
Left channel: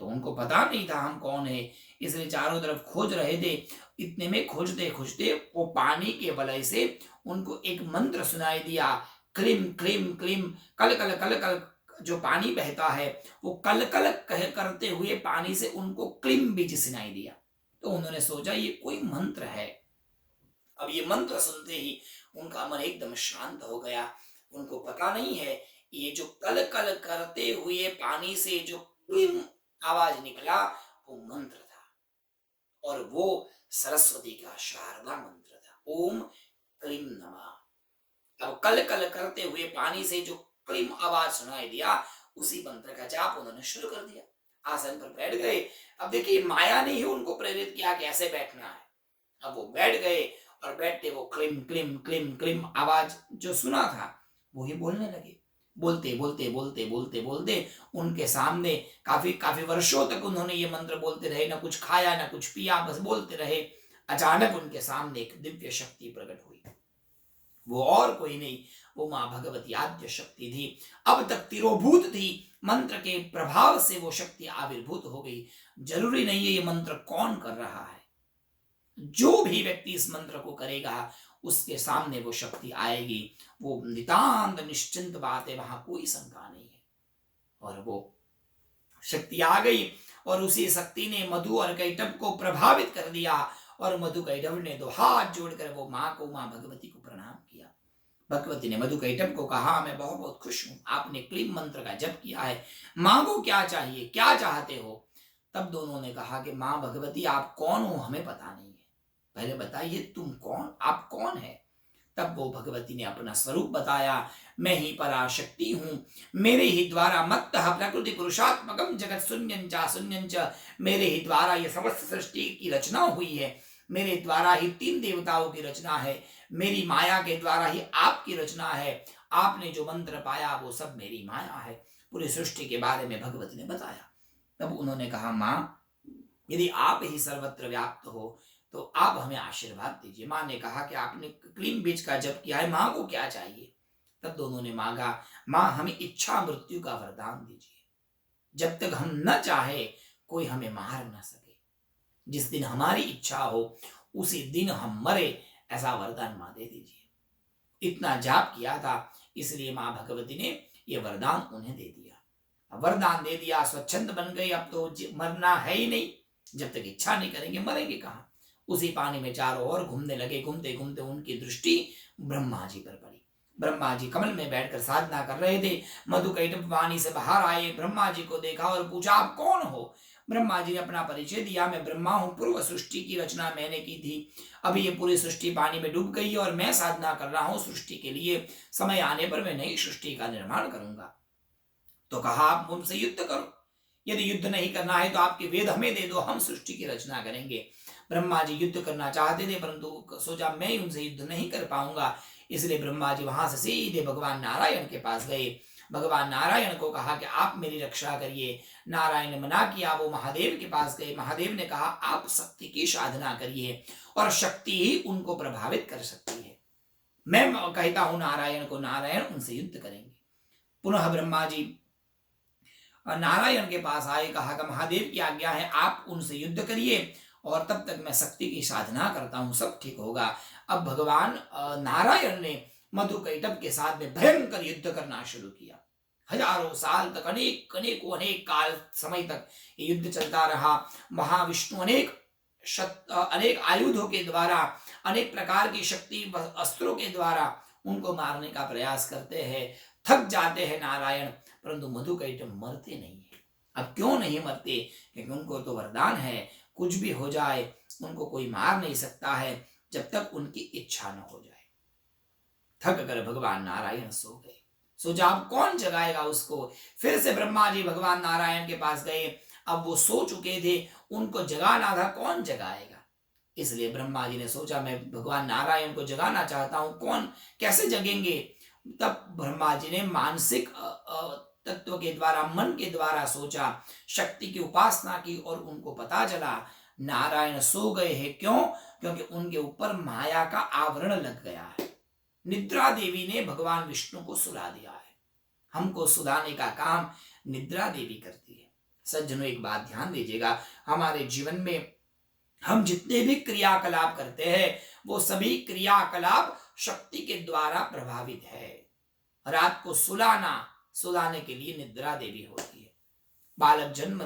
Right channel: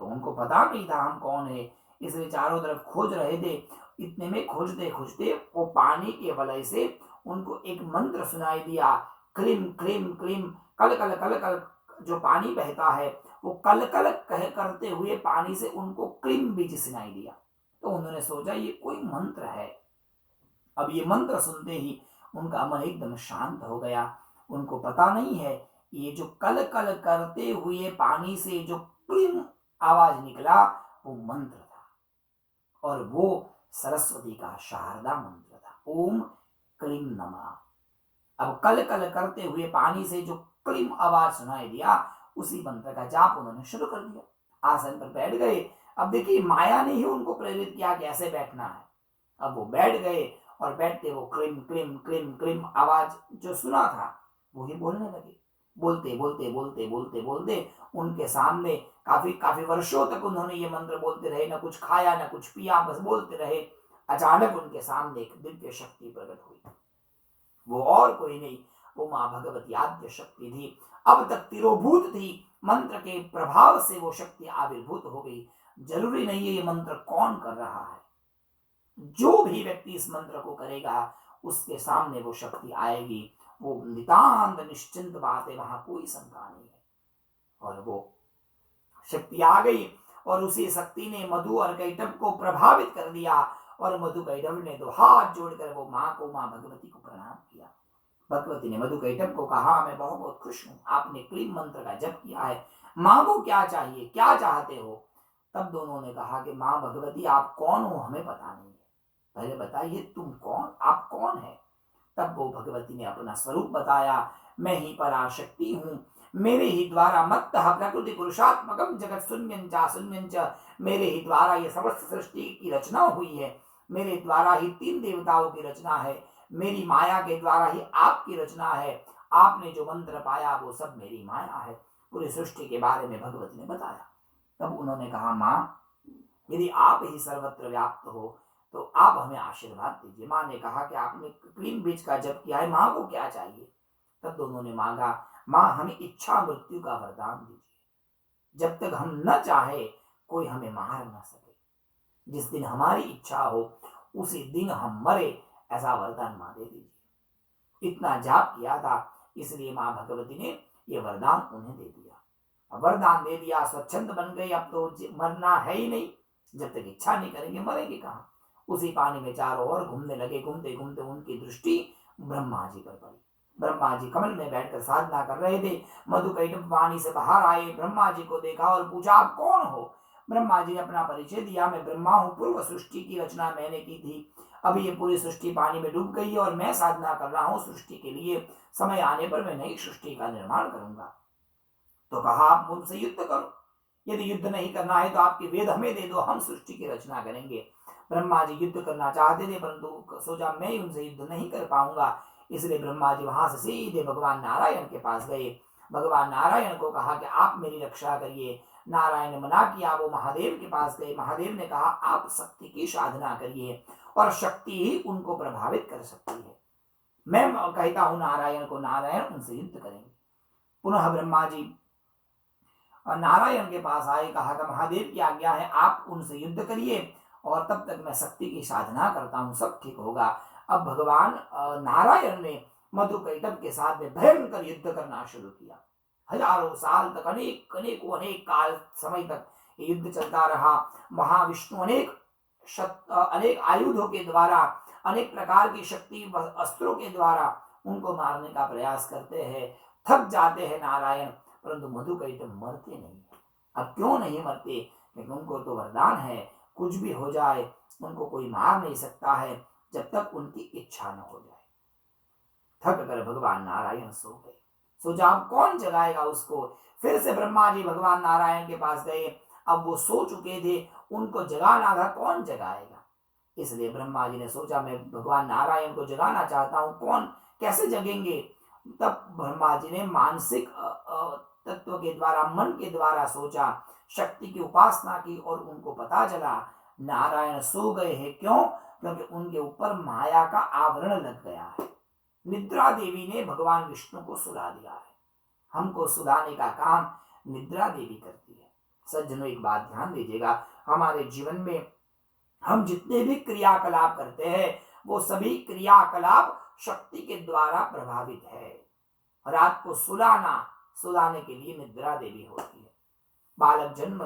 तो उनको पता नहीं था हम कौन है, इसलिए चारों तरफ खोज रहे थे। इतने में खोजते खोजते वो पानी के वलय से उनको एक मंत्र सुनाई दिया, क्लीम क्लीम क्लीम। कल कल कल कल जो पानी बहता है वो कल कल कह करते हुए पानी से उनको क्लीम बीज सुनाई दिया। तो उन्होंने सोचा ये कोई मंत्र है। अब ये मंत्र सुनते ही उनका मन एकदम शांत हो गया। उनको पता नहीं है ये जो कल कल करते हुए पानी से जो क्लीम आवाज निकला वो मंत्र था, और वो सरस्वती का शारदा मंत्र था, ओम क्लीम नमः। अब कल कल करते हुए पानी से जो क्लीम आवाज सुनाई दिया, उसी मंत्र का जाप उन्होंने शुरू कर दिया। आसन पर बैठ गए। अब देखिए, माया ने ही उनको प्रेरित किया कि ऐसे बैठना है। अब वो बैठ गए और बैठते वो क्लीम क्लीम क्लीम क्लीम आवाज जो सुना था वो ही बोलने लगे। बोलते बोलते बोलते बोलते बोलते उनके सामने काफी वर्षों तक उन्होंने ये मंत्र बोलते रहे, ना कुछ खाया ना कुछ पिया, बस बोलते रहे। अचानक उनके सामने एक दिव्य शक्ति प्रकट हुई। वो और कोई नहीं, वो मां भगवती आद्य शक्ति थी। अब तक तिरोभूत थी, मंत्र के प्रभाव से वो शक्ति आविर्भूत हो गई। जरूरी नहीं है ये मंत्र कौन कर रहा है, जो भी व्यक्ति इस मंत्र को करेगा उसके सामने वो शक्ति आएगी। वो नितांत निश्चिंत बात है, वहां कोई शंका नहीं है। और वो शक्ति आ गई और उसी शक्ति ने मधु और कैटभ को प्रभावित कर दिया और मधुकैटभ ने दो हाथ जोड़कर वो माँ भगवती को प्रणाम किया। भगवती ने मधुकैटभ को कहा, मैं बहुत बहुत खुश हूं, आपने क्लीम मंत्र का जप किया है, मांगो क्या चाहिए, क्या चाहते हो। तब दोनों ने कहा कि माँ भगवती आप कौन हो हमें पता नहीं है, पहले बताइए तुम कौन, आप कौन है। तब वो भगवती ने अपना स्वरूप बताया, मैं ही पराशक्ति हूं, मेरे ही द्वारा मत्तः प्रकृति पुरुषात्मकम जगत शून्यं च शून्यं च, मेरे ही द्वारा ये समस्त सृष्टि की रचना हुई है, मेरे द्वारा ही तीन देवताओं की रचना है, मेरी माया के द्वारा ही आपकी रचना है, आपने जो मंत्र पाया वो सब मेरी माया है। पूरी सृष्टि के बारे में भगवती ने बताया। तब उन्होंने कहा, माँ यदि आप ही सर्वत्र व्याप्त हो तो आप हमें आशीर्वाद दीजिए। माँ ने कहा कि आपने क्लीन बीज का जप किया है, माँ को क्या चाहिए। तब दोनों ने मांगा, माँ हमें इच्छा मृत्यु का वरदान दीजिए, जब तक हम न चाहे कोई हमें मार न सके, जिस दिन हमारी इच्छा हो उसी दिन हम मरे, ऐसा वरदान माँ दे दीजिए। इतना जाप किया था, इसलिए माँ भगवती ने यह वरदान उन्हें दे दिया। वरदान दे दिया, स्वच्छंद बन गई, अब तो मरना है ही नहीं, जब तक इच्छा नहीं करेंगे मरेंगे कहाँ। उसी पानी में चारों ओर घूमने लगे। घूमते घूमते उनकी दृष्टि ब्रह्मा जी पर पड़ी। ब्रह्मा जी कमल में बैठकर साधना कर रहे थे। मधुकैटभ पानी से बाहर आए, ब्रह्मा जी को देखा और पूछा, आप कौन हो। ब्रह्मा जी ने अपना परिचय दिया, मैं ब्रह्मा हूँ, पूर्व सृष्टि की रचना मैंने की थी, अभी ये पूरी सृष्टि पानी में डूब गई है और मैं साधना कर रहा हूँ सृष्टि के लिए, समय आने पर मैं नई सृष्टि का निर्माण करूंगा। तो कहा, आप मुझसे युद्ध करो, यदि युद्ध नहीं करना है तो आपके वेद हमें दे दो, हम सृष्टि की रचना करेंगे। ब्रह्मा जी युद्ध करना चाहते थे, परंतु सोचा मैं उनसे युद्ध नहीं कर पाऊंगा, इसलिए ब्रह्मा जी वहां से सीधे भगवान नारायण के पास गए। भगवान नारायण को कहा कि आप मेरी रक्षा करिए। नारायण ने मना किया, वो महादेव के पास गए। महादेव ने कहा, आप शक्ति की साधना करिए और शक्ति ही उनको प्रभावित कर सकती है। मैं कहता हूं नारायण को, नारायण उनसे युद्ध करेंगे। पुनः ब्रह्मा जी नारायण के पास आए, कहा कि महादेव की आज्ञा है, आप उनसे युद्ध करिए और तब तक मैं शक्ति की साधना करता हूं, सब ठीक होगा। अब भगवान नारायण ने मधुकैटभ के साथ में भयंकर युद्ध करना शुरू किया। हजारों साल तक, अनेक काल समय तक ये युद्ध चलता रहा। महाविष्णु अनेक आयुधों के द्वारा, अनेक प्रकार की शक्ति अस्त्रों के द्वारा उनको मारने का प्रयास करते हैं। थक जाते हैं नारायण, परंतु मधुकैटभ मरते नहीं है। अब क्यों नहीं मरते, क्योंकि उनको तो वरदान है, कुछ भी हो जाए उनको कोई मार नहीं सकता है जब तक उनकी इच्छा न हो जाए। थक कर भगवान नारायण सो गए। सोचा अब कौन जगाएगा उसको। फिर से ब्रह्मा जी भगवान नारायण के पास गए। अब वो सो चुके थे, उनको जगाना था, कौन जगाएगा। इसलिए ब्रह्मा जी ने सोचा मैं भगवान नारायण को जगाना चाहता हूं, कौन कैसे जगेंगे। तब ब्रह्मा जी ने मानसिक तत्व के द्वारा, मन के द्वारा सोचा, शक्ति की उपासना की और उनको पता चला नारायण सो गए हैं। क्यों? क्योंकि उनके ऊपर माया का आवरण लग गया है। निद्रा देवी ने भगवान विष्णु को सुला दिया है। हमको सुलाने का काम निद्रा देवी करती है। सज्जनों, एक बात ध्यान दीजिएगा, हमारे जीवन में हम जितने भी क्रियाकलाप करते हैं वो सभी क्रियाकलाप शक्ति के द्वारा प्रभावित है। रात को सुलाने के लिए निद्रा देवी होती है। बालक जन्म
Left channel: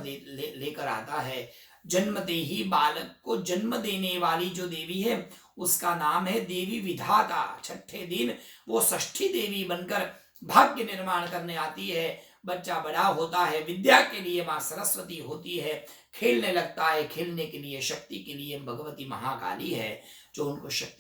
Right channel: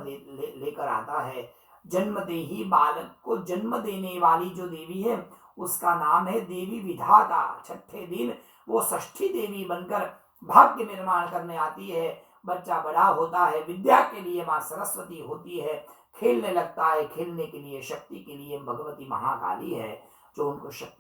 लेकर आता है, जन्मते ही बालक को जन्म देने वाली जो देवी है उसका नाम है देवी विधाता। छठे दिन वो षष्ठी देवी बनकर भाग्य निर्माण करने आती है। बच्चा बड़ा होता है, विद्या के लिए माँ सरस्वती होती है, खेलने लगता है, खेलने के लिए, शक्ति के लिए भगवती महाकाली है जो उनको शक्ति